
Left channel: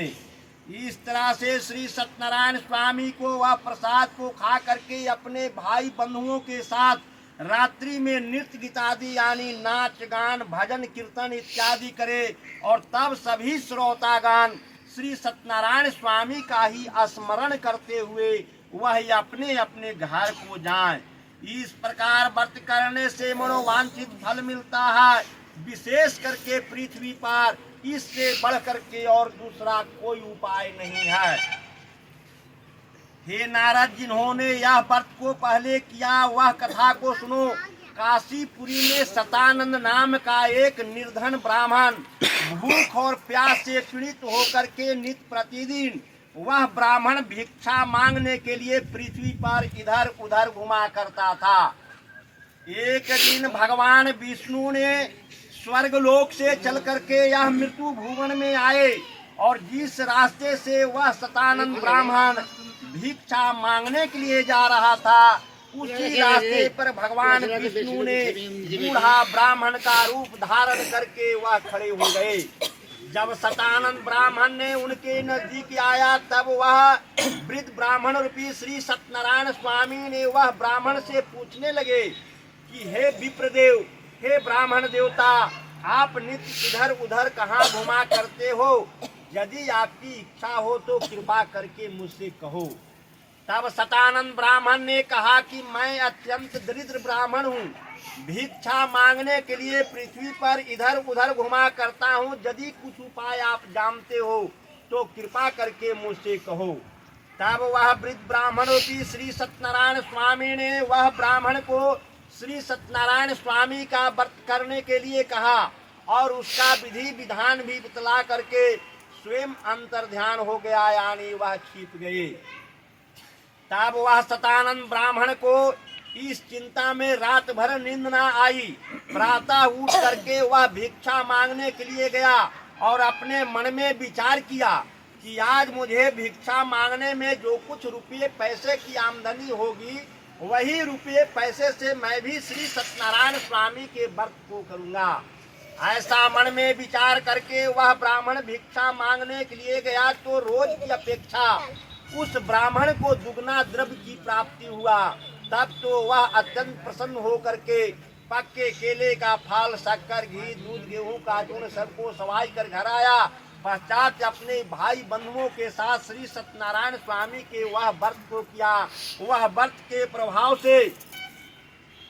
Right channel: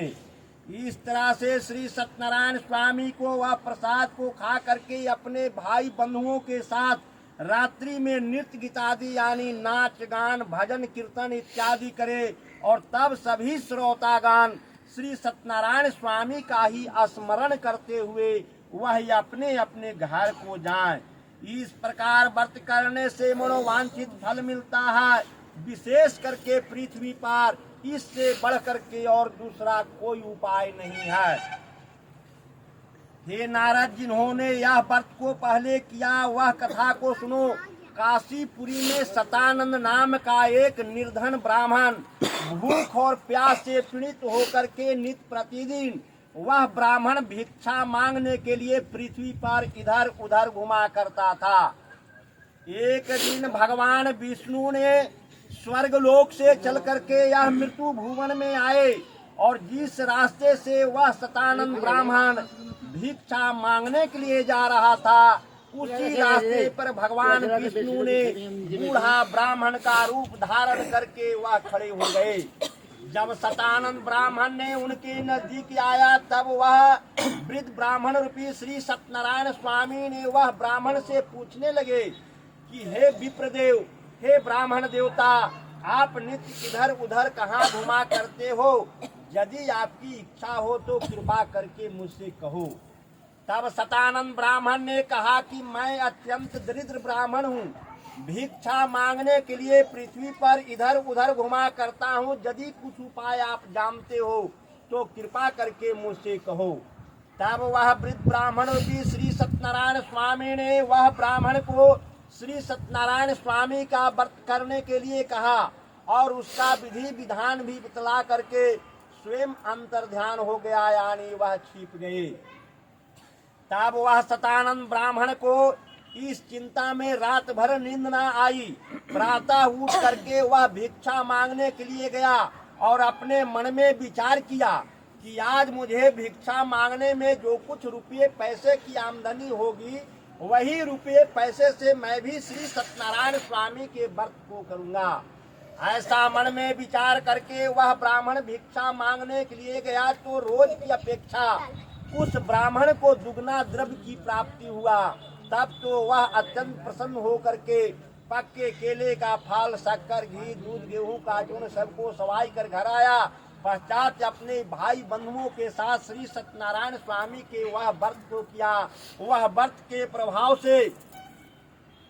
इस तरह से श्री सत्यनारायण स्वामी को वह प्रसाद को खा करके अपने भाई बंधुओं के साथ रात्रि में नृत्य गीत आदि यानी नाच गान भजन कीर्तन इत्यादि करे और तब सभी श्रोतागान श्री सत्यनारायण स्वामी का ही स्मरण करते हुए वह अपने अपने घर को जाएं। इस प्रकार व्रत करने से मनोवांछित फल मिलता है। विशेष करके पृथ्वी पर इससे बढ़ करके और दूसरा कोई उपाय नहीं है। हे नारद, जिन्होंने यह व्रत को पहले किया वह कथा को सुनो। काशीपुरी में सतानंद नाम का एक निर्धन ब्राह्मण भूख और प्यास से पीड़ित होकर के नित्य प्रतिदिन वह ब्राह्मण भिक्षा मांगने के लिए पृथ्वी पर इधर उधर घुमा करता था। एक दिन भगवान विष्णु ने स्वर्ग लोक से चल करके यह मृत्यु भुवन में आए और जिस रास्ते से वह सतानंद ब्राह्मण भिक्षा मांगने के लिए जा रहा था, उसी रास्ते पर भगवान विष्णु ने बूढ़ा ब्राह्मण का रूप धारण करके वह खड़े हो गए। जब सतानंद ब्राह्मण ने उनके नजदीक आया, तब वह वृद्ध ब्राह्मण रूपी श्री सत्यनारायण स्वामी ने वह ब्राह्मण से पूछने लगे कि हे विप्रदेव, हे ब्राह्मण देवता, आप नित्य इधर उधर कहाँ घुमा करते हो? यदि आपकी इच्छा हो तो कृपा करके मुझसे कहो। तब सतानंद ब्राह्मण ने कहा कि मैं अत्यंत दरिद्र ब्राह्मण हूँ, भिक्षा मांगने के लिए पृथ्वी पर इधर उधर घुमा करता हूँ। यदि कुछ उपाय आप जानते हो तो कृपा करके मुझसे कहो। तब वह वृद्ध ब्राह्मण की श्री सत्यनारायण स्वामी ने वह ब्राह्मण को श्री सत्यनारायण स्वामी का व्रत करने के लिए कहा और उसका विधि विधान भी बतला करके स्वयं अंतर ध्यान हो गया, यानी वह छिप गए। तब वह शतानंद ब्राह्मण को इस चिंता में रात भर नींद न आई। प्रातः उठ करके वह भिक्षा मांगने के लिए गया और अपने मन में विचार किया कि आज मुझे भिक्षा मांगने में जो कुछ रुपये पैसे की आमदनी होगी, वही रुपये पैसे से मैं भी श्री सत्यनारायण स्वामी के व्रत को करूंगा। ऐसा मन में विचार करके वह ब्राह्मण भिक्षा मांगने के लिए गया तो रोज की अपेक्षा उस ब्राह्मण को दुगना द्रव्य की प्राप्ति हुआ। तब तो वह अत्यंत प्रसन्न होकर के पक्के केले का फल, शक्कर, घी, दूध, गेहूं का चूर्ण सबको सवाई कर घर आया। पश्चात अपने भाई बंधुओं के साथ श्री सत्यनारायण स्वामी के वह व्रत को किया। वह व्रत के प्रभाव से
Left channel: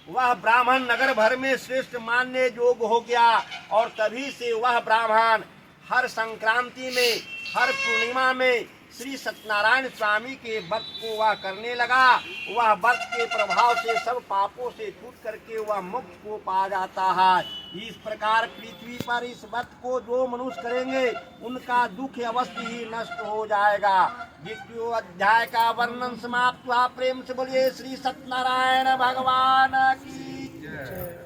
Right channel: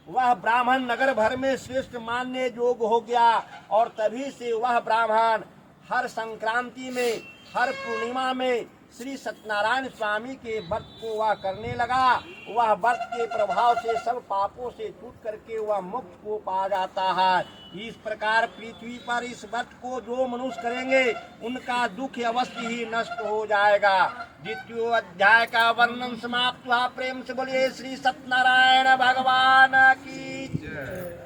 वह ब्राह्मण नगर भर में श्रेष्ठ मानने योग्य हो गया और तभी से वह ब्राह्मण हर संक्रांति में, हर पूर्णिमा में श्री सत्यनारायण स्वामी के व्रत को वह करने लगा। वह व्रत के प्रभाव से सब पापों से छूट करके वह मुक्त को पा जाता है। इस प्रकार पृथ्वी पर इस व्रत को जो मनुष्य करेंगे उनका दुख अवश्य ही नष्ट हो जाएगा। द्वितीय अध्याय का वर्णन समाप्त हुआ। प्रेम से बोलिए श्री सत्यनारायण भगवान की जय।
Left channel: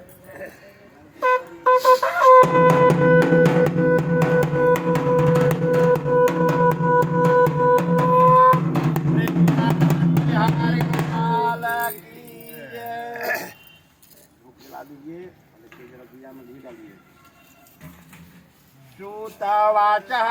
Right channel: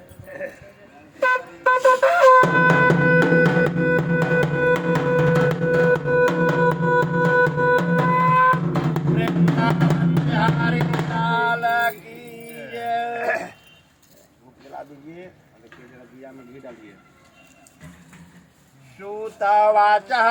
श्रुतवाचः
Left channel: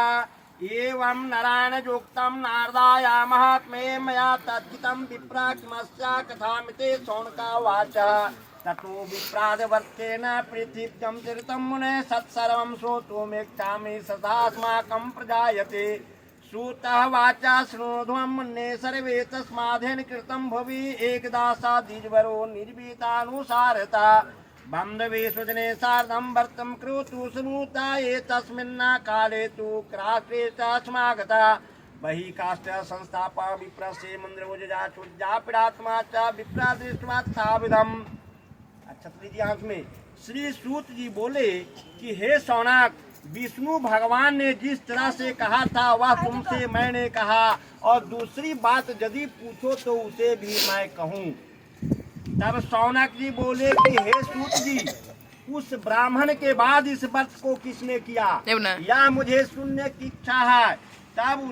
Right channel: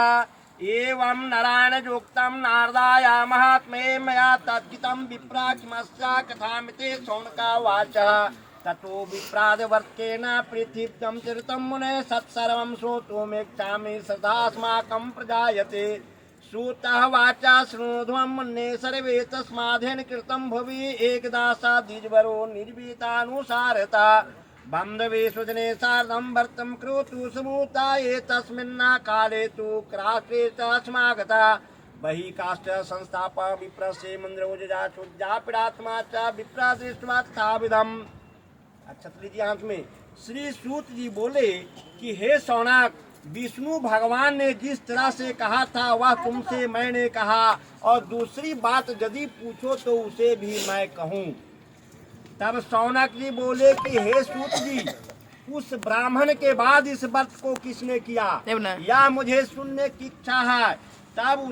एवं नारायणयोक्तं नारदाय महात्म्ये मया तद्गीतं विप्राक्ष्मस्य कथामिते शौनकावाचः। ततो विप्रादवर्तेन पृथिव्यं चरितं मुने सत्सर्वं श्रोतुमिच्छामि सदास्माकं प्रजायते। श्रुतः वाचा शृणोध्वं मुने सर्वे तस्मादेन कृतं भुवि एकदा सा द्विजवरो निर्भीतानुसारता। बान्धवेषु जने सार्धं वर्तं कृतु समूता एतस्मिन्ना काले तु क्राष्टे च समागता। बहि काष्ठ संस्थापा विप्रसे मन्द्रोजजा चुज्जा पीड़ात्मा च विप्रा दृष्ट्वा तथाविधम्। छतरी जी आंख में श्री सूत जी बोले कि हे शौनक, विष्णु भगवान ने जिस तरह से कहा था वह तुमसे मैंने कहा, और दूसरी बात यदि पूछो तो उसे भी मैं कहूँ। तब शौनक जी बोले कि हे सूत जी, उस ब्राह्मण के बाद इस व्रत को किसने किया, या मुझे सुनने की इच्छा है। तब उस